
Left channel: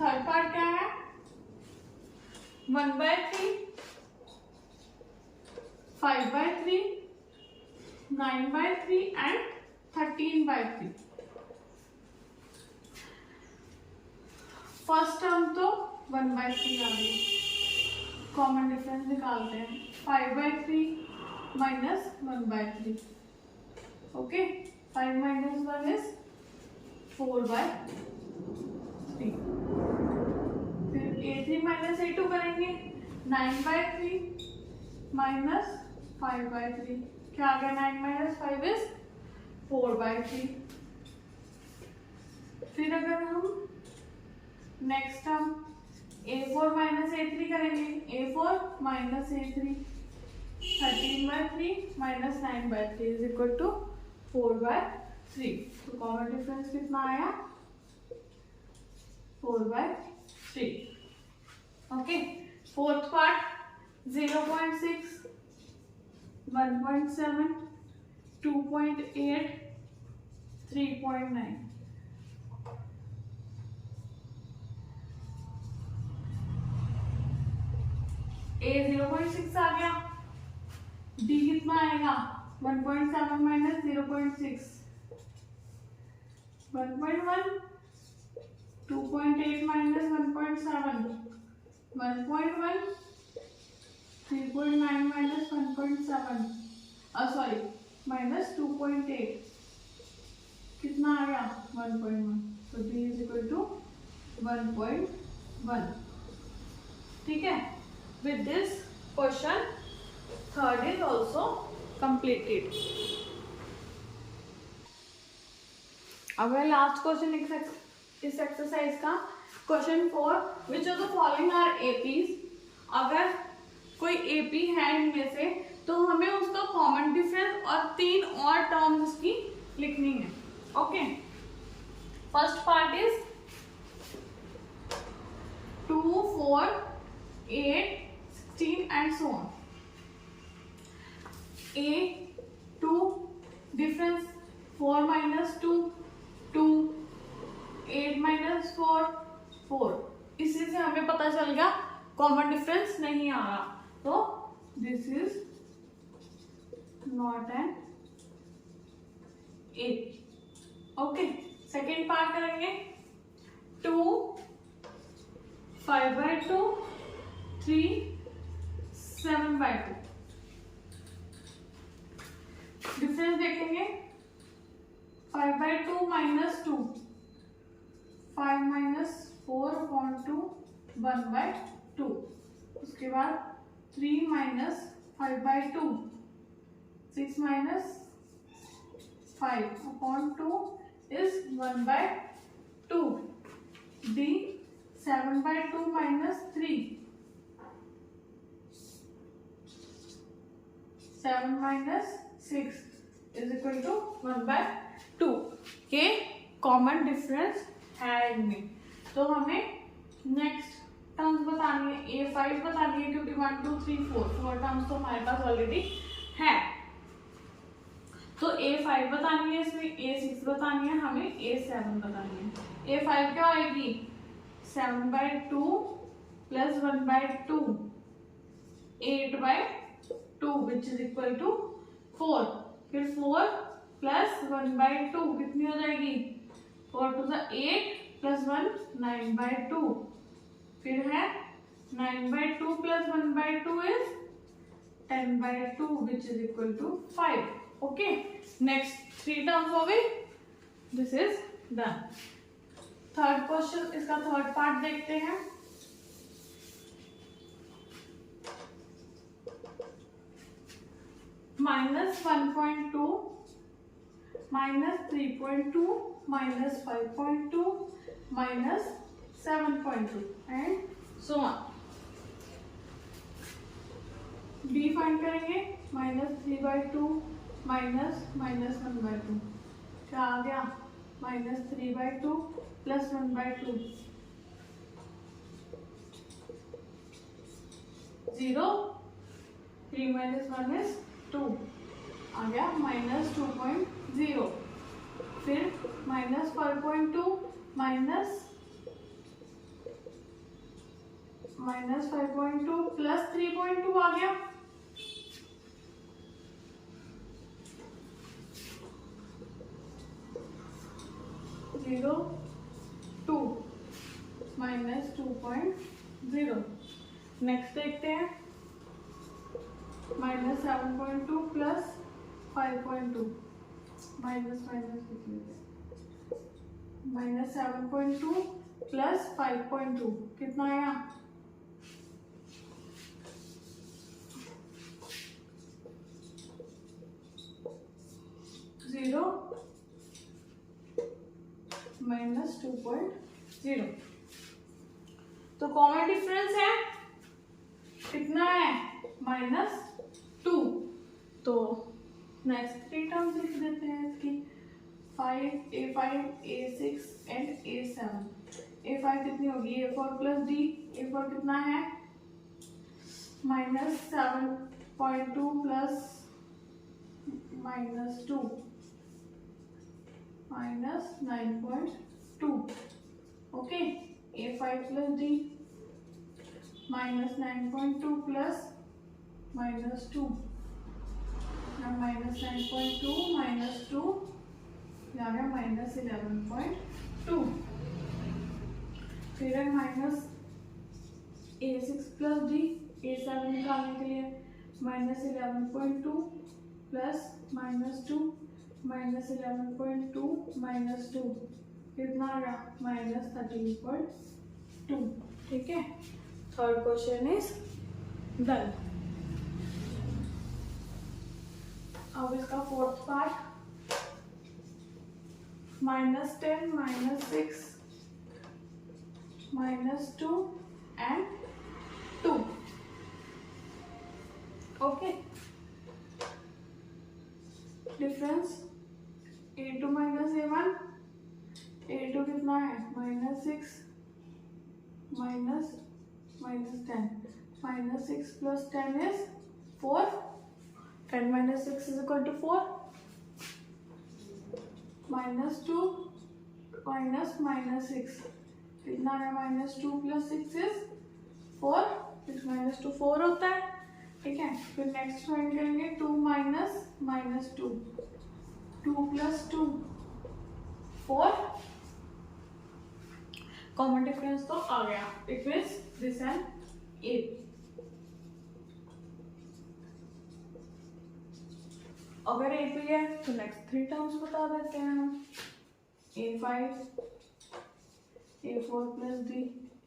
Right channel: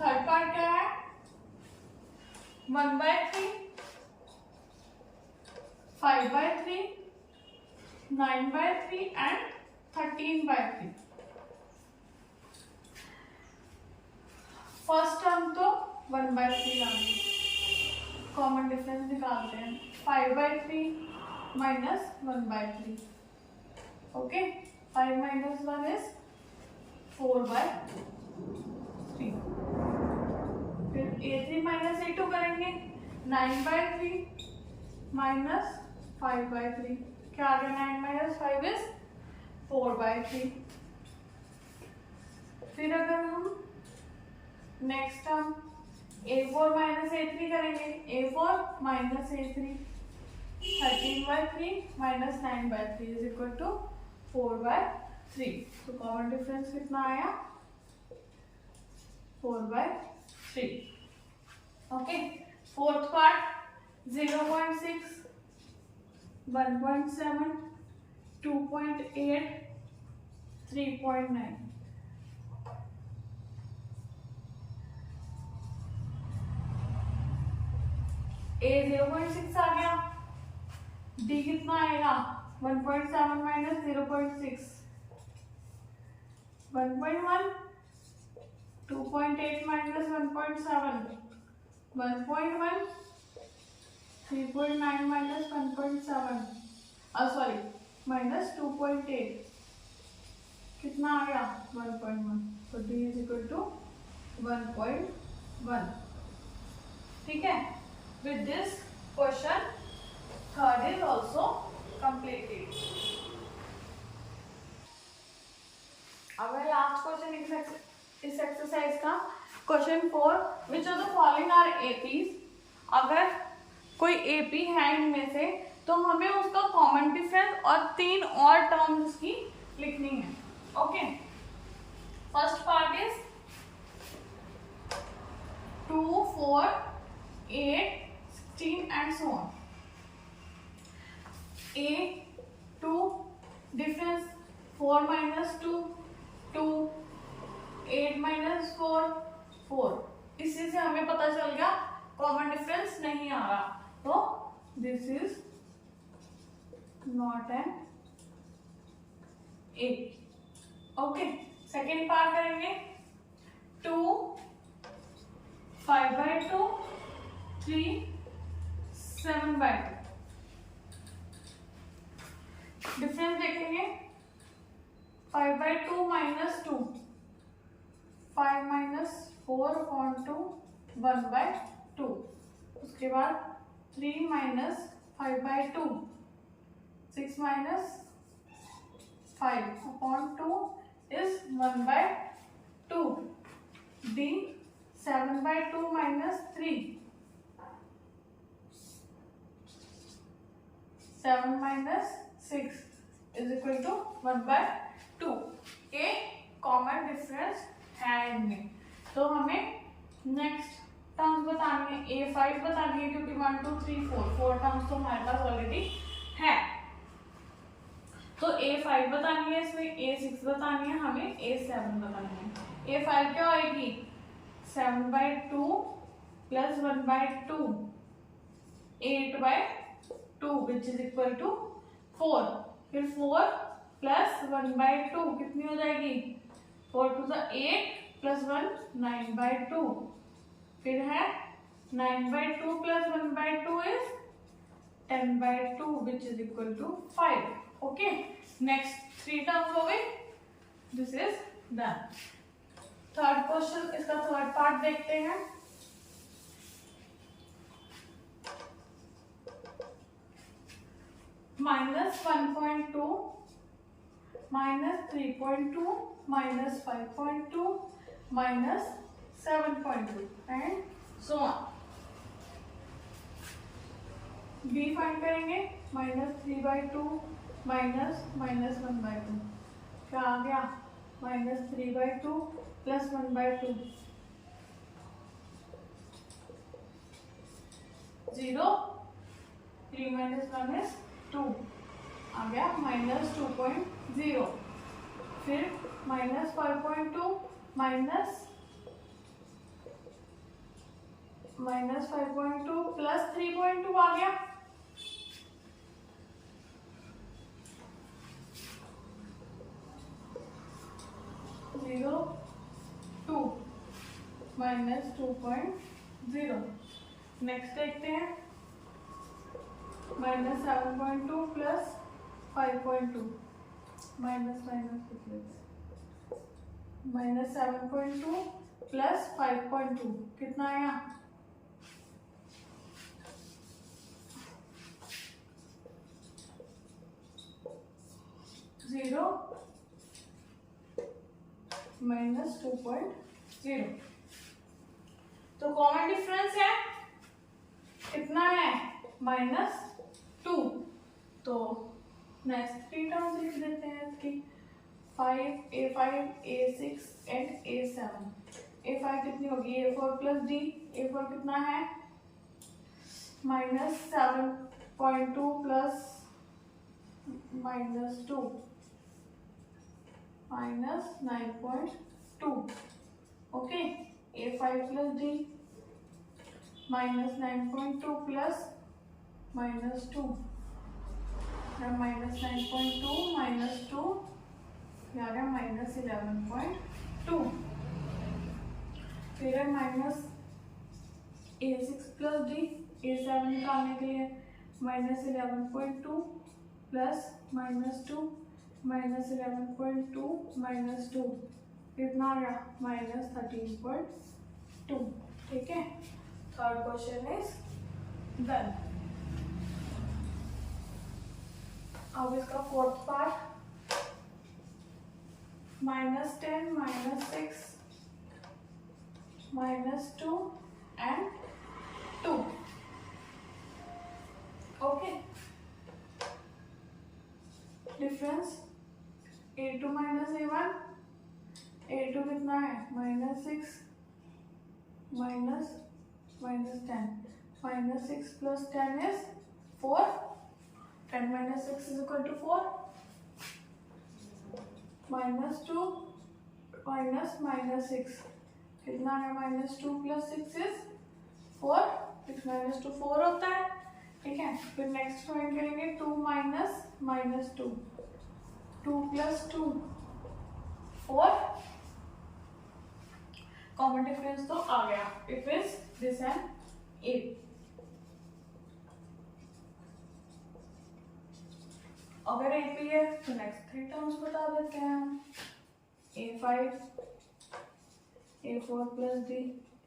थर्ड पार्ट क्या है, 1/3 5/3 9/3 एंड 13/3। फर्स्ट टर्म तो 1/3 आ गई, कॉमन डिफरेंस निकालते हैं। 5/3 माइनस 1/3। Okay, 5 minus 1 is 4/3। फिर A3 minus A2 करेंगे। 9/3 minus 5/3। क्या आ गया? 9 minus 5 is 4/3। फिर अगर हम next term A4 minus A3 करेंगे। A4 minus A3, 13/3 minus 9/3 is equal to 4/3। तो कॉमन डिफरेंस कितना आया? 4/3। Okay, fourth part 0.6, 1.7, 2.8, 3.9। A 0.6 आ गया, D कितना आएगा? 1.7 minus 0.6, 1.1, 2.8 minus 1.7, 1.1, 3.9 minus 1.7, sorry minus 2.8, कितना आ गया? 1.1। तो D इज इक्वल टू 1.1। ठीक है, with this question third is also completed। अब है लास्ट क्वेश्चन इस एक्सरसाइज का, question 4। Which of the following are APs? अगर कोई एपी है इनमें से तो हमें उसका कॉमन डिफरेंस और 3 और टर्म्स की लिखनी है। Okay, first part is 2, 4, 8, 16 and so on. A2 difference 4 minus 2, 2, 8 minus 4, 4। इसी से हमें पता चल गया कॉमन डिफरेंस नहीं आ रहा, तो this is not an A. Okay, second part करेंगे 2, 5/2, 3, 7/2। डिफरेंस देखेंगे 5/2 minus 2, 5 minus 4/2, 1/2। उसके बाद 3 minus 5/2, 6 minus 5/2 is 1/2। D 7/2 minus 3, 7 minus 6 is equal to 1/2। ये कॉमन डिफरेंस है इनमें। तो हमें नेक्स्ट टर्म्स बतानी है, A5 बतानी है, क्योंकि 1, 2, 3, 4 टर्म्स तो हमारे पास ऑलरेडी है। तो A5 बतानी है, इसमें A6 बतानी है, हमें A7 बतानी है। A5 क्या होएगी? 7/2 plus 1/2, 8/2 which is equal to 4। फिर 4 plus 1/2 कितनी हो जाएगी? 4 to the 8 plus 1 9/2। फिर है 9/2 plus 1/2 is 10/2 which is equal to 5। Okay, next 3 terms हो गई, this is done. Third question, इसका थर्ड पार्ट देखते हैं। -1.2, -3.2, -5.2, -7.2 and so on। B find करेंगे, -3/2 -1/2। क्या आ गया? -3/2 plus 1/2, 0। 3 minus 1 is 2, आ गया -2.0। फिर -5.2 -5.2 plus 3.2 आ गया, 2 माइनस 2.0। नेक्स्ट देखते हैं -7.2 प्लस 5.2, माइनस माइनस लिख लेते हैं। -7.2 प्लस 5.2 कितना आया? 0 माइनस 2.0। तो कॉमन डिफरेंस है कितना है? -2। तो नेक्स्ट 3 टर्म्स लिख देते हैं इसकी, 5 A5 A6 and A7। A5 कितनी होगी? A4 plus D। A4 कितना है? -7.2 plus -2 -9.2। Okay, A5 plus D -9.2 plus -2, -9.2 -2 आ गया -11.2। फिर है -A6 प्लस D, A7 निकालने के लिए -11.2 प्लस -2 -11.2 -2 कितना आ गया? -13.2। ठीक है, थर्ड क्वेश्चन इज डन। अब इसका fourth part, -10 -6 -2 and 2। Okay, difference A2 minus A1, A2 कितना है? -6 -10, -6 plus 10 is 4, 10 minus 6 is equal to 4, -2 -6 कितना है? -2 प्लस 6 इज 4, 6 minus 2 4 होता है। ठीक है, फिर नेक्स्ट फाइंड करेंगे 2 माइनस -2, 2 प्लस 2 4। कॉमन डिफरेंस तो आ गया, इट मीन्स दिस एंड 8। अगर AP है तो नेक्स्ट 3 टर्म्स बता देते हैं हम। A5 A4 plus D,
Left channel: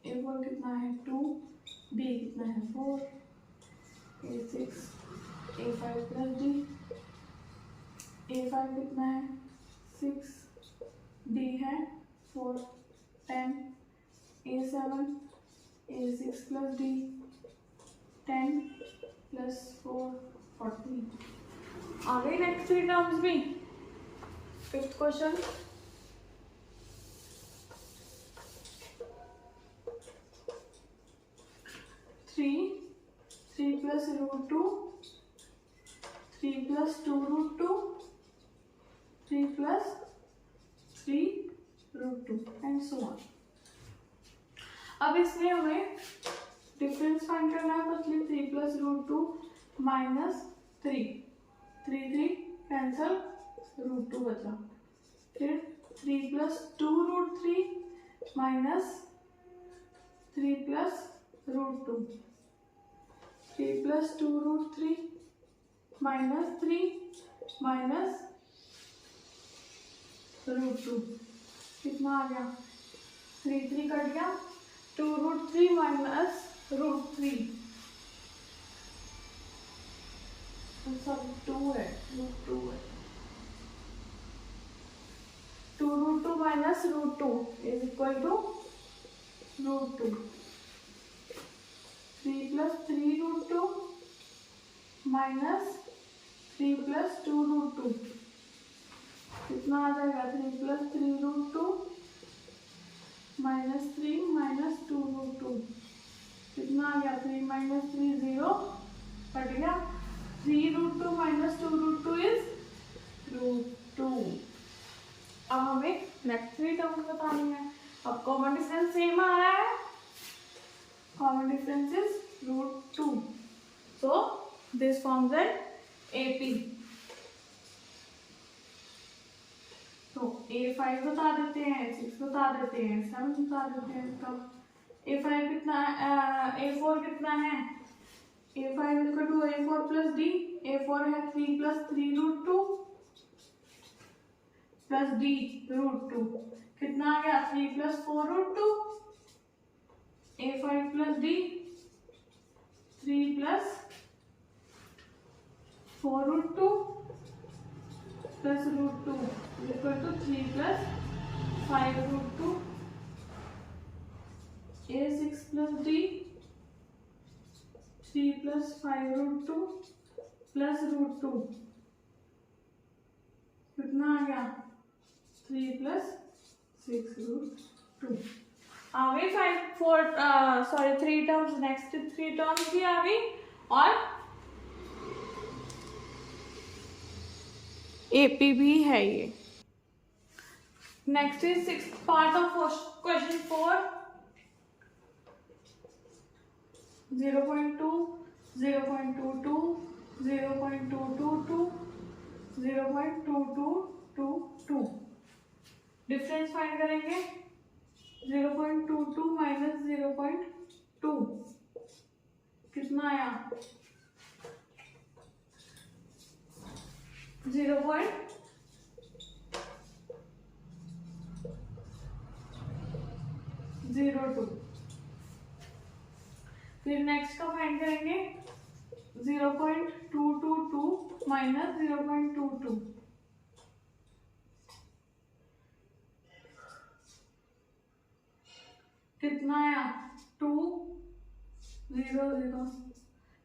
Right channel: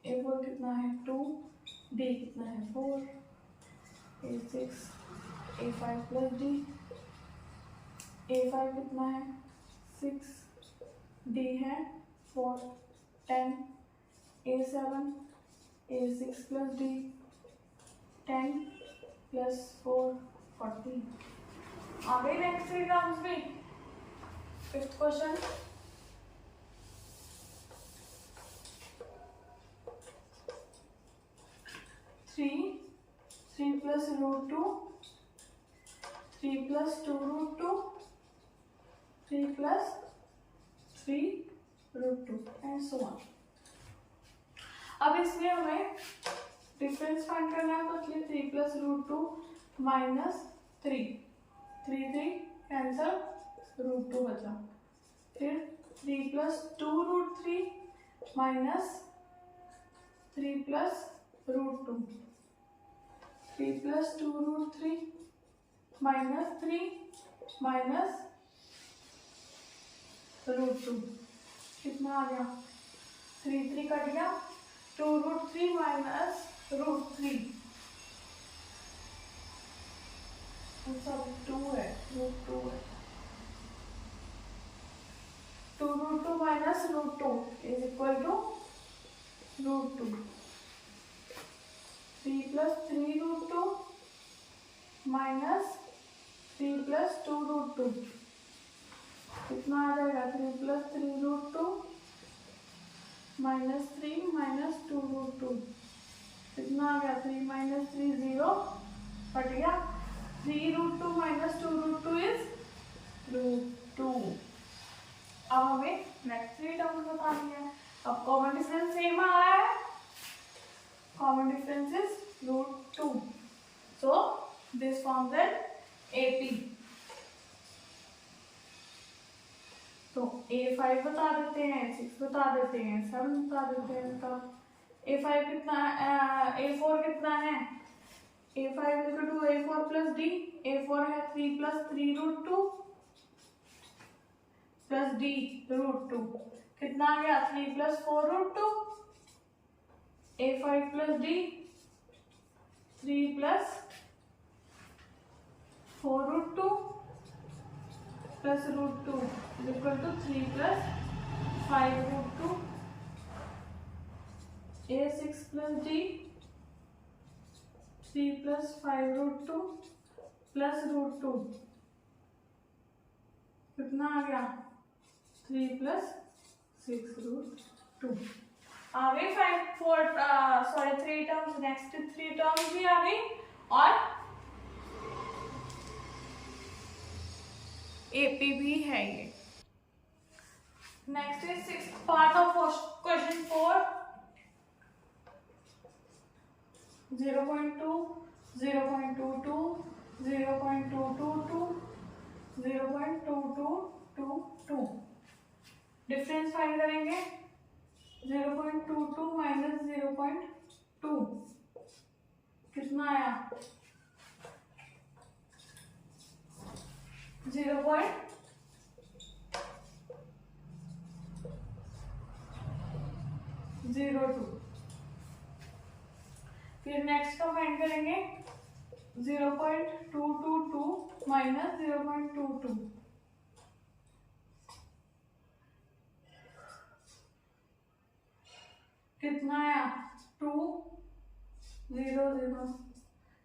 A4 कितना है? 2, D कितना है? 4, A6 A5 plus D, A5 कितना है? 6, D है 4, 10, A7 A6 plus D, 10 plus 4 40। आ गई नेक्स्ट 3 टर्म्स भी। Fifth question, three plus √2, 3 plus 2√2, 3 plus 3√2 and so on. अब इसमें हमें डिफरेंस फाइंड करना है, तो 3 प्लस √2 माइनस 3 कैंसल, √2 बचा। फिर 3 plus 2√3 minus 3 plus √2, 3 plus 2√3 minus 3 minus √2 कितना आ गया? 3 कट गया, 2√3 माइनस √3, सॉरी 2 है, √2 है। 2√2 minus √2 is equal to √2। 3 plus 3√2 minus 3 plus 2√2 कितना आ जाएगा? 3 प्लस 3√2 माइनस 3 माइनस 2√2 कितना आ गया? 3 माइनस 3 0, कट गया। 3√2 माइनस 2√2 इज √2। अब हमें नेक्स्ट 3 टर्म्स बतानी है। अब कॉमन डिफरेंस सेम आ रहा है, common difference is √2, so this forms an AP। तो A5 बता देते हैं, A6 बता देते हैं, 7 बता देते हैं। तब A5 कितना है, A4 कितना है, A5 equal to A4 plus D, A4 है 3 plus 3 root 2 plus D root 2, कितना आ गया 3 plus 4 root 2, A5 plus D 3 plus 4 root 2 plus root 2 equal to 3 plus 5 root 2, A6 plus D 3 plus 5 root 2 plus root 2, कितना आ गया 3 plus 6 root 2। आ गई 3 terms, next 3 terms भी आ गई और एपी भी है ये। Next is 6th part of question 4, 0.2, 0.22, 0.222, 0.2222। Difference find करेंगे। 0.22 माइनस 0.2 कितना आया 0.02। फिर नेक्स्ट का फाइंड करेंगे 0.222 माइनस 0.22, कितना आया 2 0 0,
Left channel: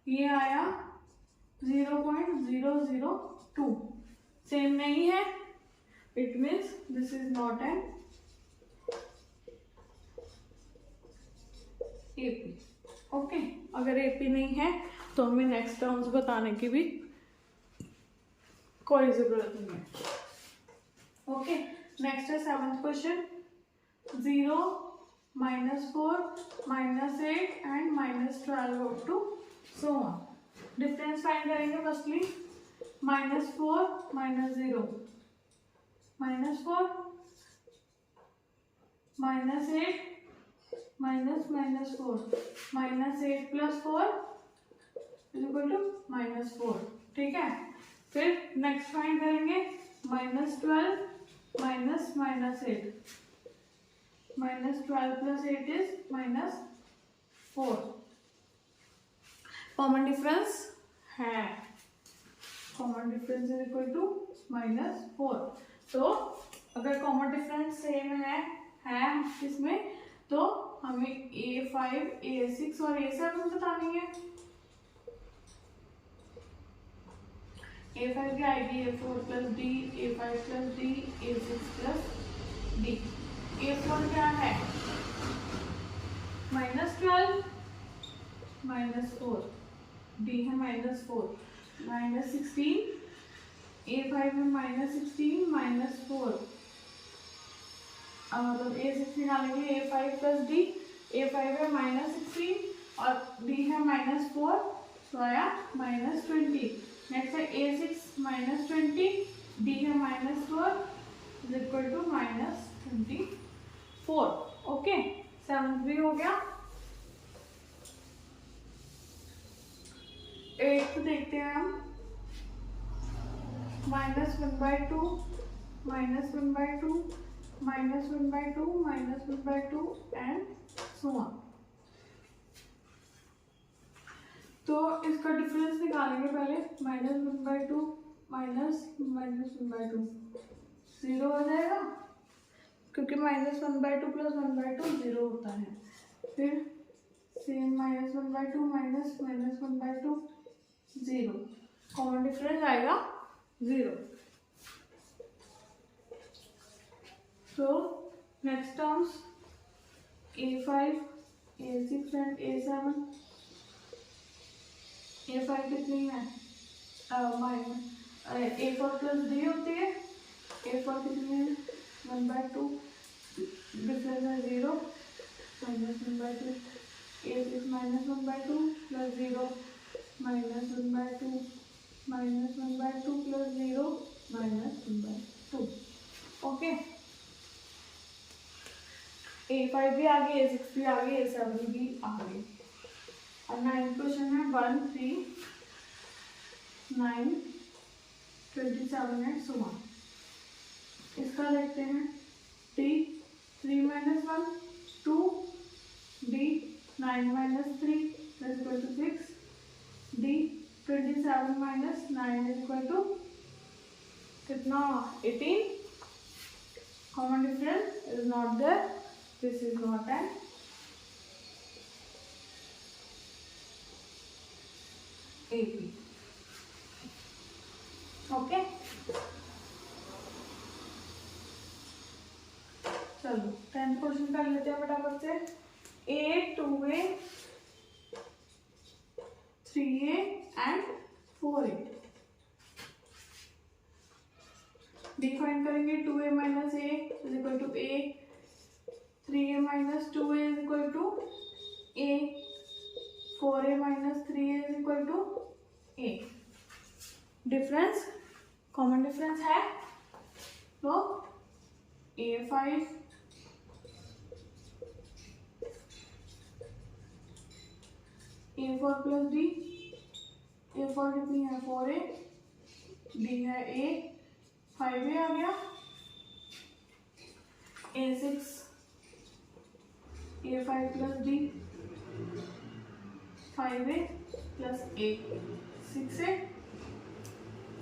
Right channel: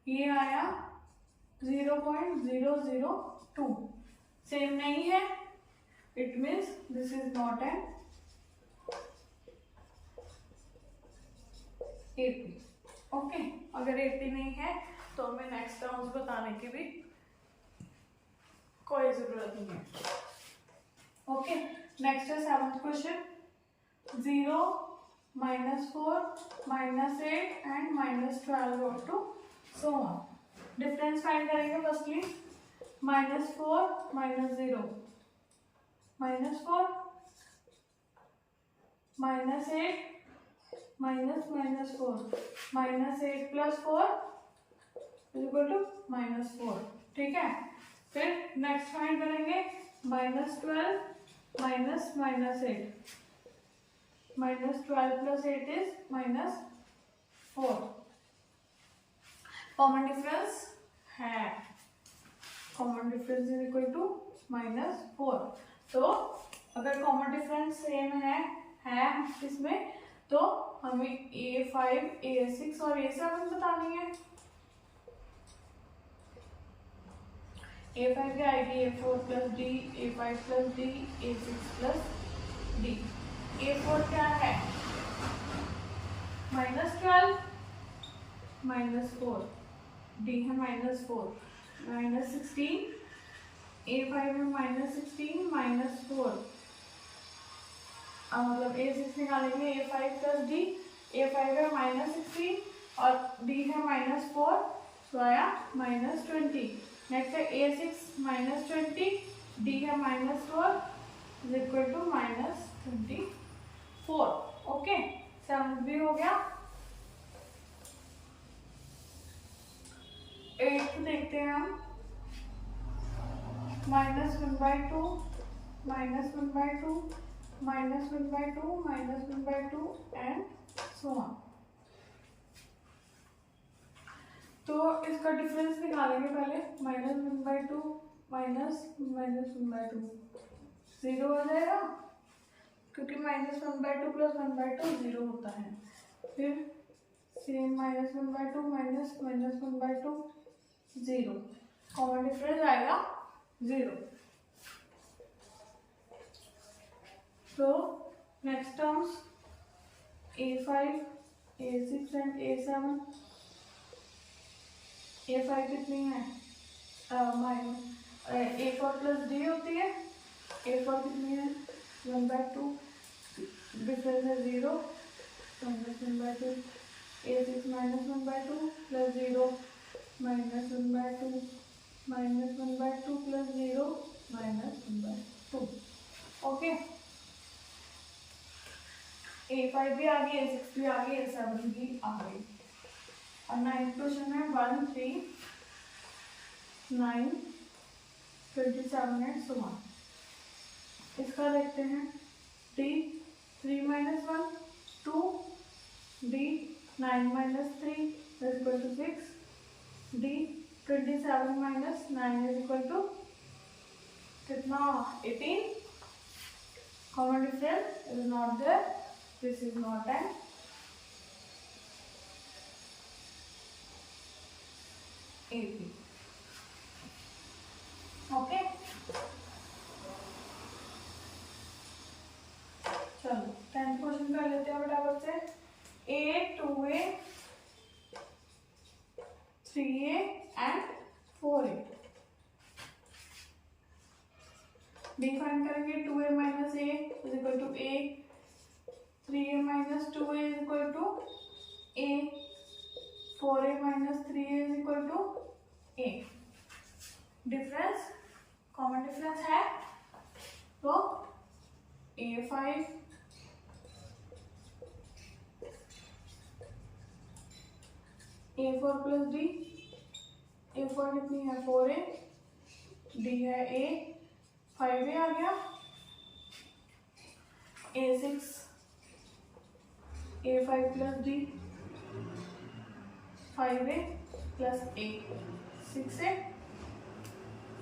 ये आया 0.002। सेम नहीं है, it means this is not an AP. Okay, अगर एपी नहीं है तो हमें नेक्स्ट टर्म्स बताने की भी कोई जरूरत नहीं है। ओके, नेक्स्ट है 7th question, 0, -4, -8 and -12 up to so on. Difference find करेंगे। Firstly -4 -0, -4 -8 -4, -8 plus 4 is equal to -4। ठीक है, फिर नेक्स्ट फाइंड करेंगे -12 minus -8, -12 plus 8 is -4। Common difference है, common difference is equal to -4। तो अगर कॉमन डिफरेंस सेम है इसमें, तो हमें A5, A6 और A7 बतानी है। A5 क्या आएगी A4 plus D, A5 plus D, A6 plus D। A4 क्या है -12 -4, D है -4, -16, A5 है -16 -4। मतलब A6 निकालने के लिए A5 प्लस D, A5 है -16 और D है -4, तो आया -20। नेक्स्ट है A6 -20, D है -4 इज इक्वल टू -24। ओके, 7 भी हो गया। 8th देखते हैं हम, -1/2, -1/2, -1/2, -1/2 एंड सो ऑन। तो इसका डिफरेंस निकालेंगे पहले। -1/2 -1/2 0 हो जाएगा, क्योंकि -1/2 प्लस 1/2 0 होता है। फिर सेम -1/2 माइनस -1/2 0, कॉमन डिफरेंस आएगा 0। So next terms A5, A6 and A7। A5 कितनी है A4 प्लस D होती है। A4 कितनी है 1/2, डिफरेंस है 0, -1/2। A6 -1/2 plus 0, -1/2 plus 0, -1/2। Okay, okay, A5 भी आ गई, A6 भी आ गई, A7 भी आ गई। और 9 क्वेश्चन है 1, 3, 9, 27 एंड so on। इसका देखते हैं D 3 - 1 2, D 9 - 3 is equal to 6, D 27 - 9 is equal to कितना 18। Common difference is not there, this is not an AP। Okay, चलो 10th क्वेश्चन कर लेते हैं फटाफट से। A 2A 3A and 4A। Define करेंगे 2A - A is equal to A, 3A - 2A is equal to A, 4A - 3A is equal to A। Difference, common difference है तो A5 A4 plus D, A4 कितनी है 4A, D है A, 5A आ गया, A6 A5 plus D 5A plus A 6A,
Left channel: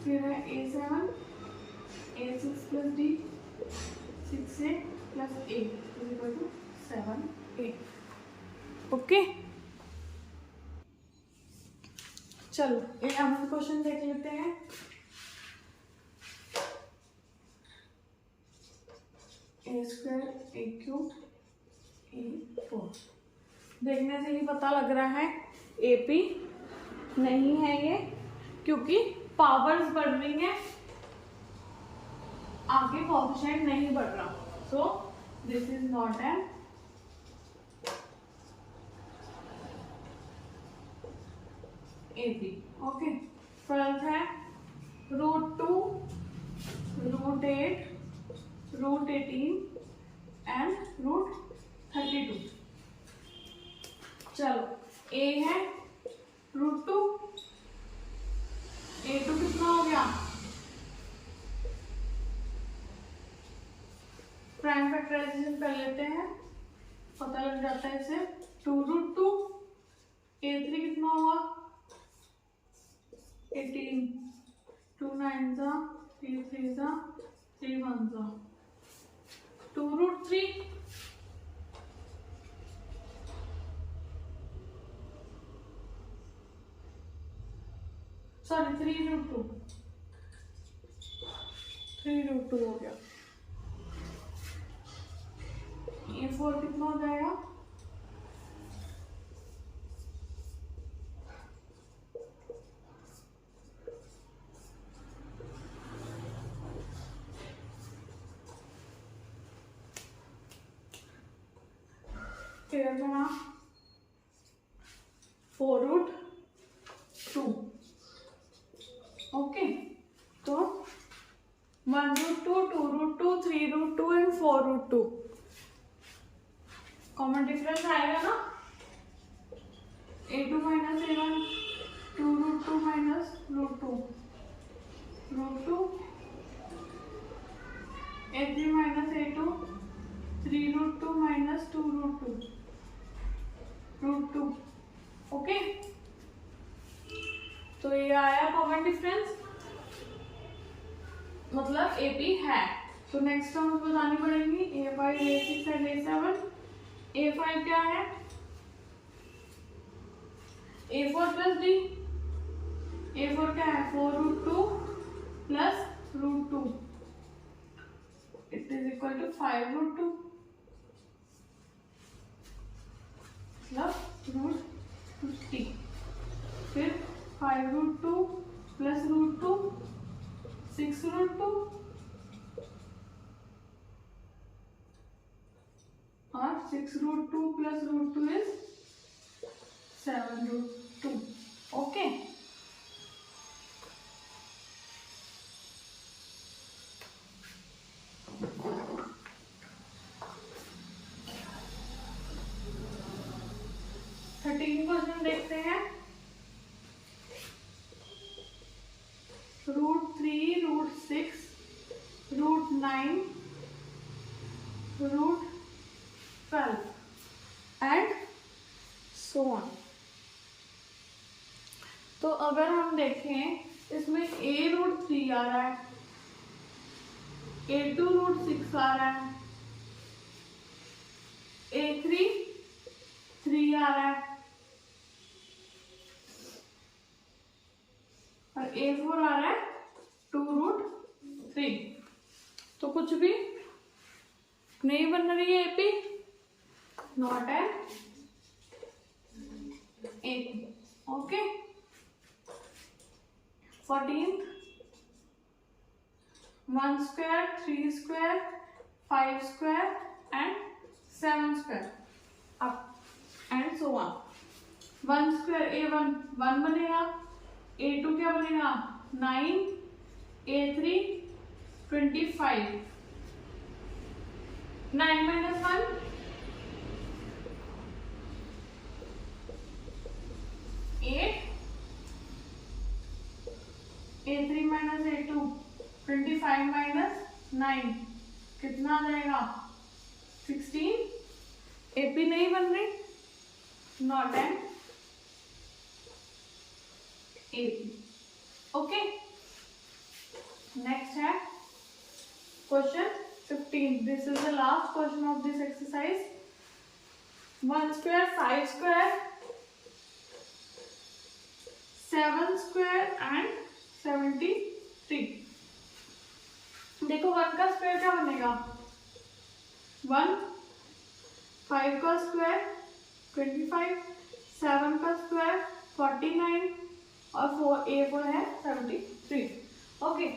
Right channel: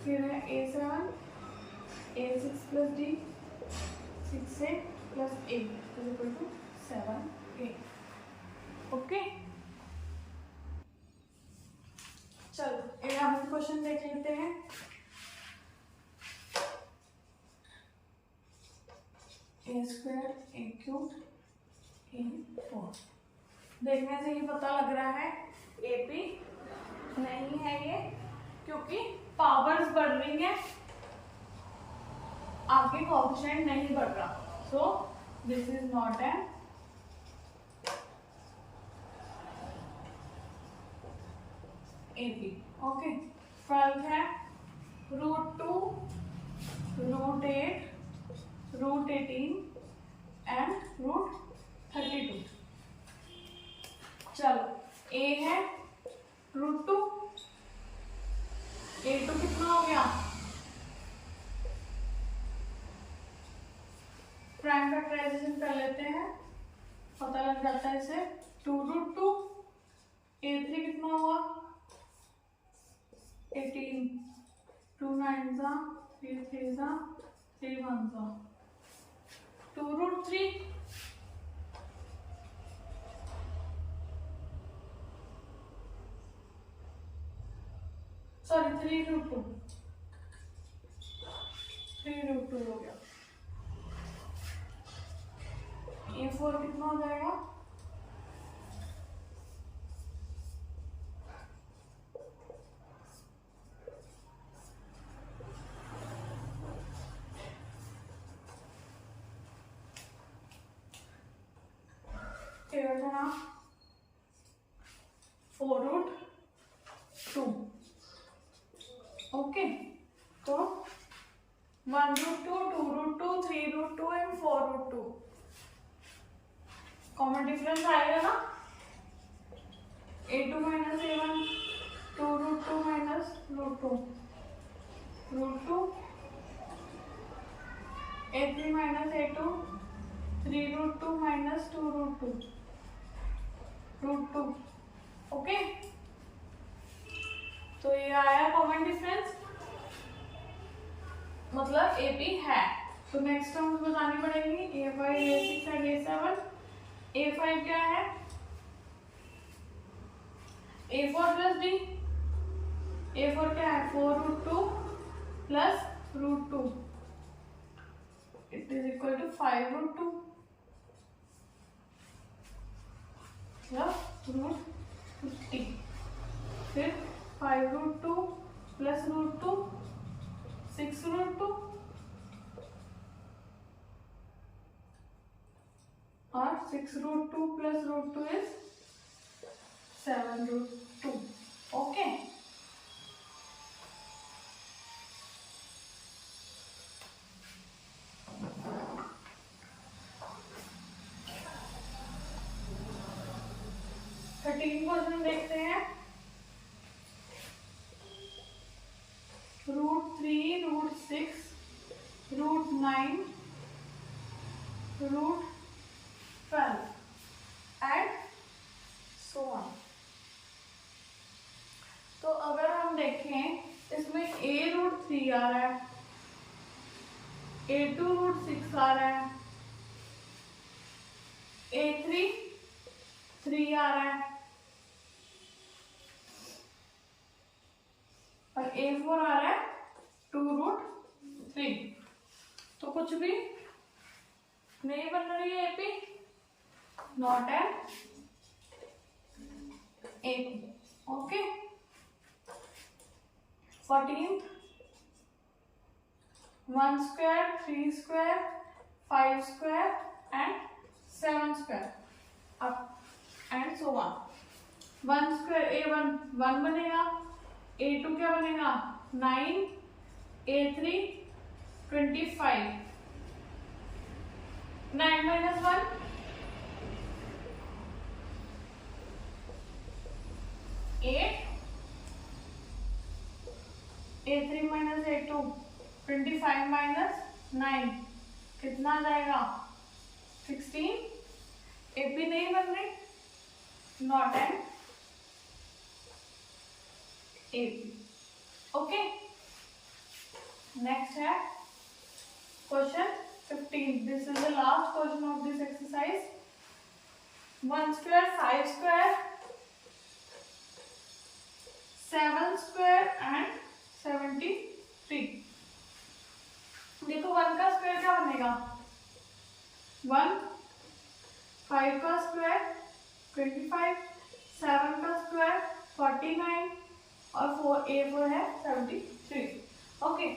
फिर है A7 A6 plus D 6A plus A is equal to 7A। Okay, चलो ये हम क्वेश्चन देख लेते हैं। A² AQ A4 देखने से ही पता लग रहा है AP नहीं है ये, क्योंकि पावर्स बढ़ रही हैं, आगे कोएफिशिएंट नहीं बढ़ रहा, so this is not an AP। Okay, 12 है √2 √8 √18 एंड √32। चलो A है √2, A2 कितना हो गया, प्राइम फैक्टराइजेशन कर लेते हैं, पता लग जाता है इससे। 2√2, A3 कितना हुआ 18, 2 9 जा, 3 3 जा, 3 1 जा, 2√3 सॉरी 3√2 3√2 हो गया। A4 कितना हो जाएगा, फिर बना 4√2। ओके, तो 1√2 2√2 3√2 एंड 4√2 कॉमन डिफरेंस आएगा ना। A2 - A1 2√2 minus √2 √2, A3 - A2 3√2 minus 2√2 √2। Okay, तो ये आया कॉमन डिफरेंस, मतलब AP है। तो नेक्स्ट टर्म्स बतानी पड़ेंगी, A5 A6 and A7। A5 क्या है, A4 प्लस D, A4 क्या है 4√2 plus √2, it is equal to 5√2 plus √50, फिर 5√2 प्लस √2 6√2 और 6√2 प्लस √2 इज 7√2। ओके, 17 क्वेश्चन देखते हैं। √3, √6, √9, √12 एंड सो ऑन। तो अगर हम देखें इसमें a√3 आ रहा है, a2√6 आ रहा है, a3 3 आ रहा है और a4 आ रहा है 2√3। तो कुछ भी नहीं बन रही है AP, not an AP. Okay, 14th 1 square, 3 square, 5 square and 7 square up and so on। 1 square a1 1 बनेगा, a2 क्या बनेगा 9, a3 25, 9 minus 1 8, a3 minus a2 25 minus 9 कितना आ जाएगा 16। एपी नहीं बन रही, not an AP. Okay, next है question 15। This is the last question of this exercise. 1 square, 5 square, 7 square and 73। देखो 1 का स्क्वायर क्या बनेगा 1, 5 का स्क्वायर 25, 7 का स्क्वायर 49 और 4 है 73। ओके,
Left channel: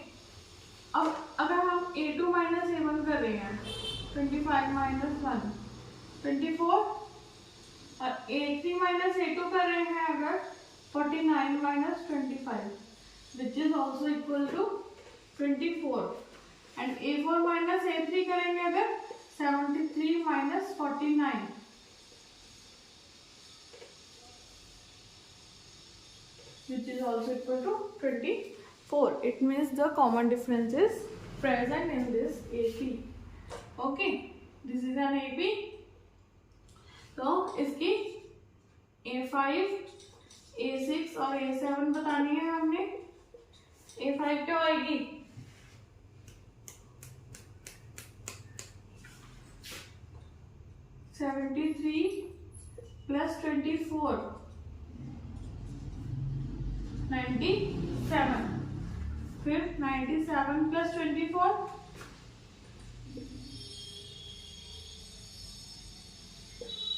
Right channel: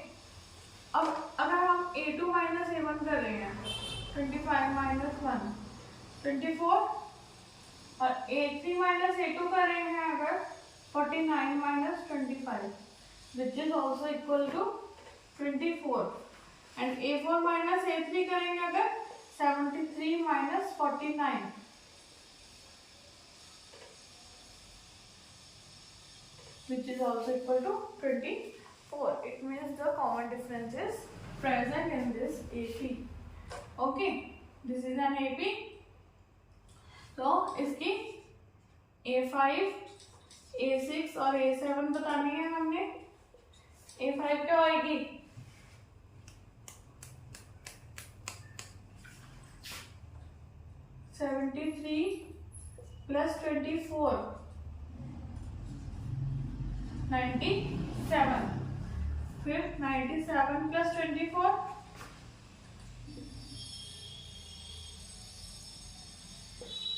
अब अगर हम a2 माइनस a1 कर रहे हैं 25 माइनस 1 24 और a3 माइनस a2 कर रहे हैं अगर 49 minus 25 which is also equal to 24 and a4 minus a3 करेंगे अगर 73 minus 49 which is also equal to 24। It means the common difference is present in this AP। Okay, this is an AP। तो इसकी A5, A6 और A7 बतानी है हमने। A5 क्या होगी 73 प्लस 24 97, फिर 97 plus 24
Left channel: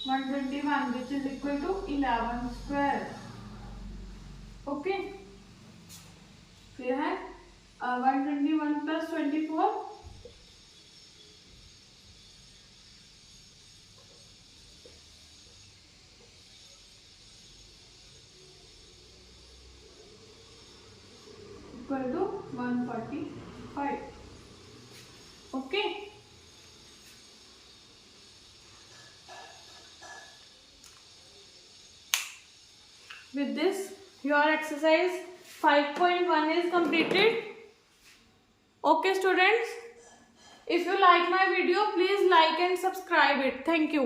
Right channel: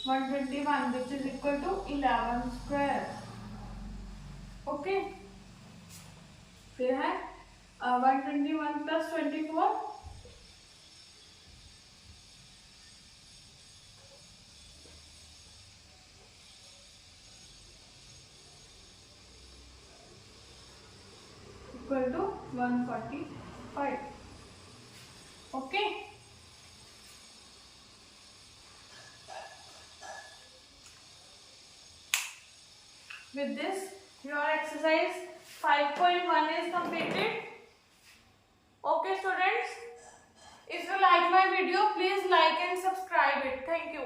121 which is equal to 11 square। Okay, फिर है 121 plus 24 equal to 145। Okay, with this your exercise 5.1 is completed। Okay students, if you like my video please like and subscribe it। Thank you।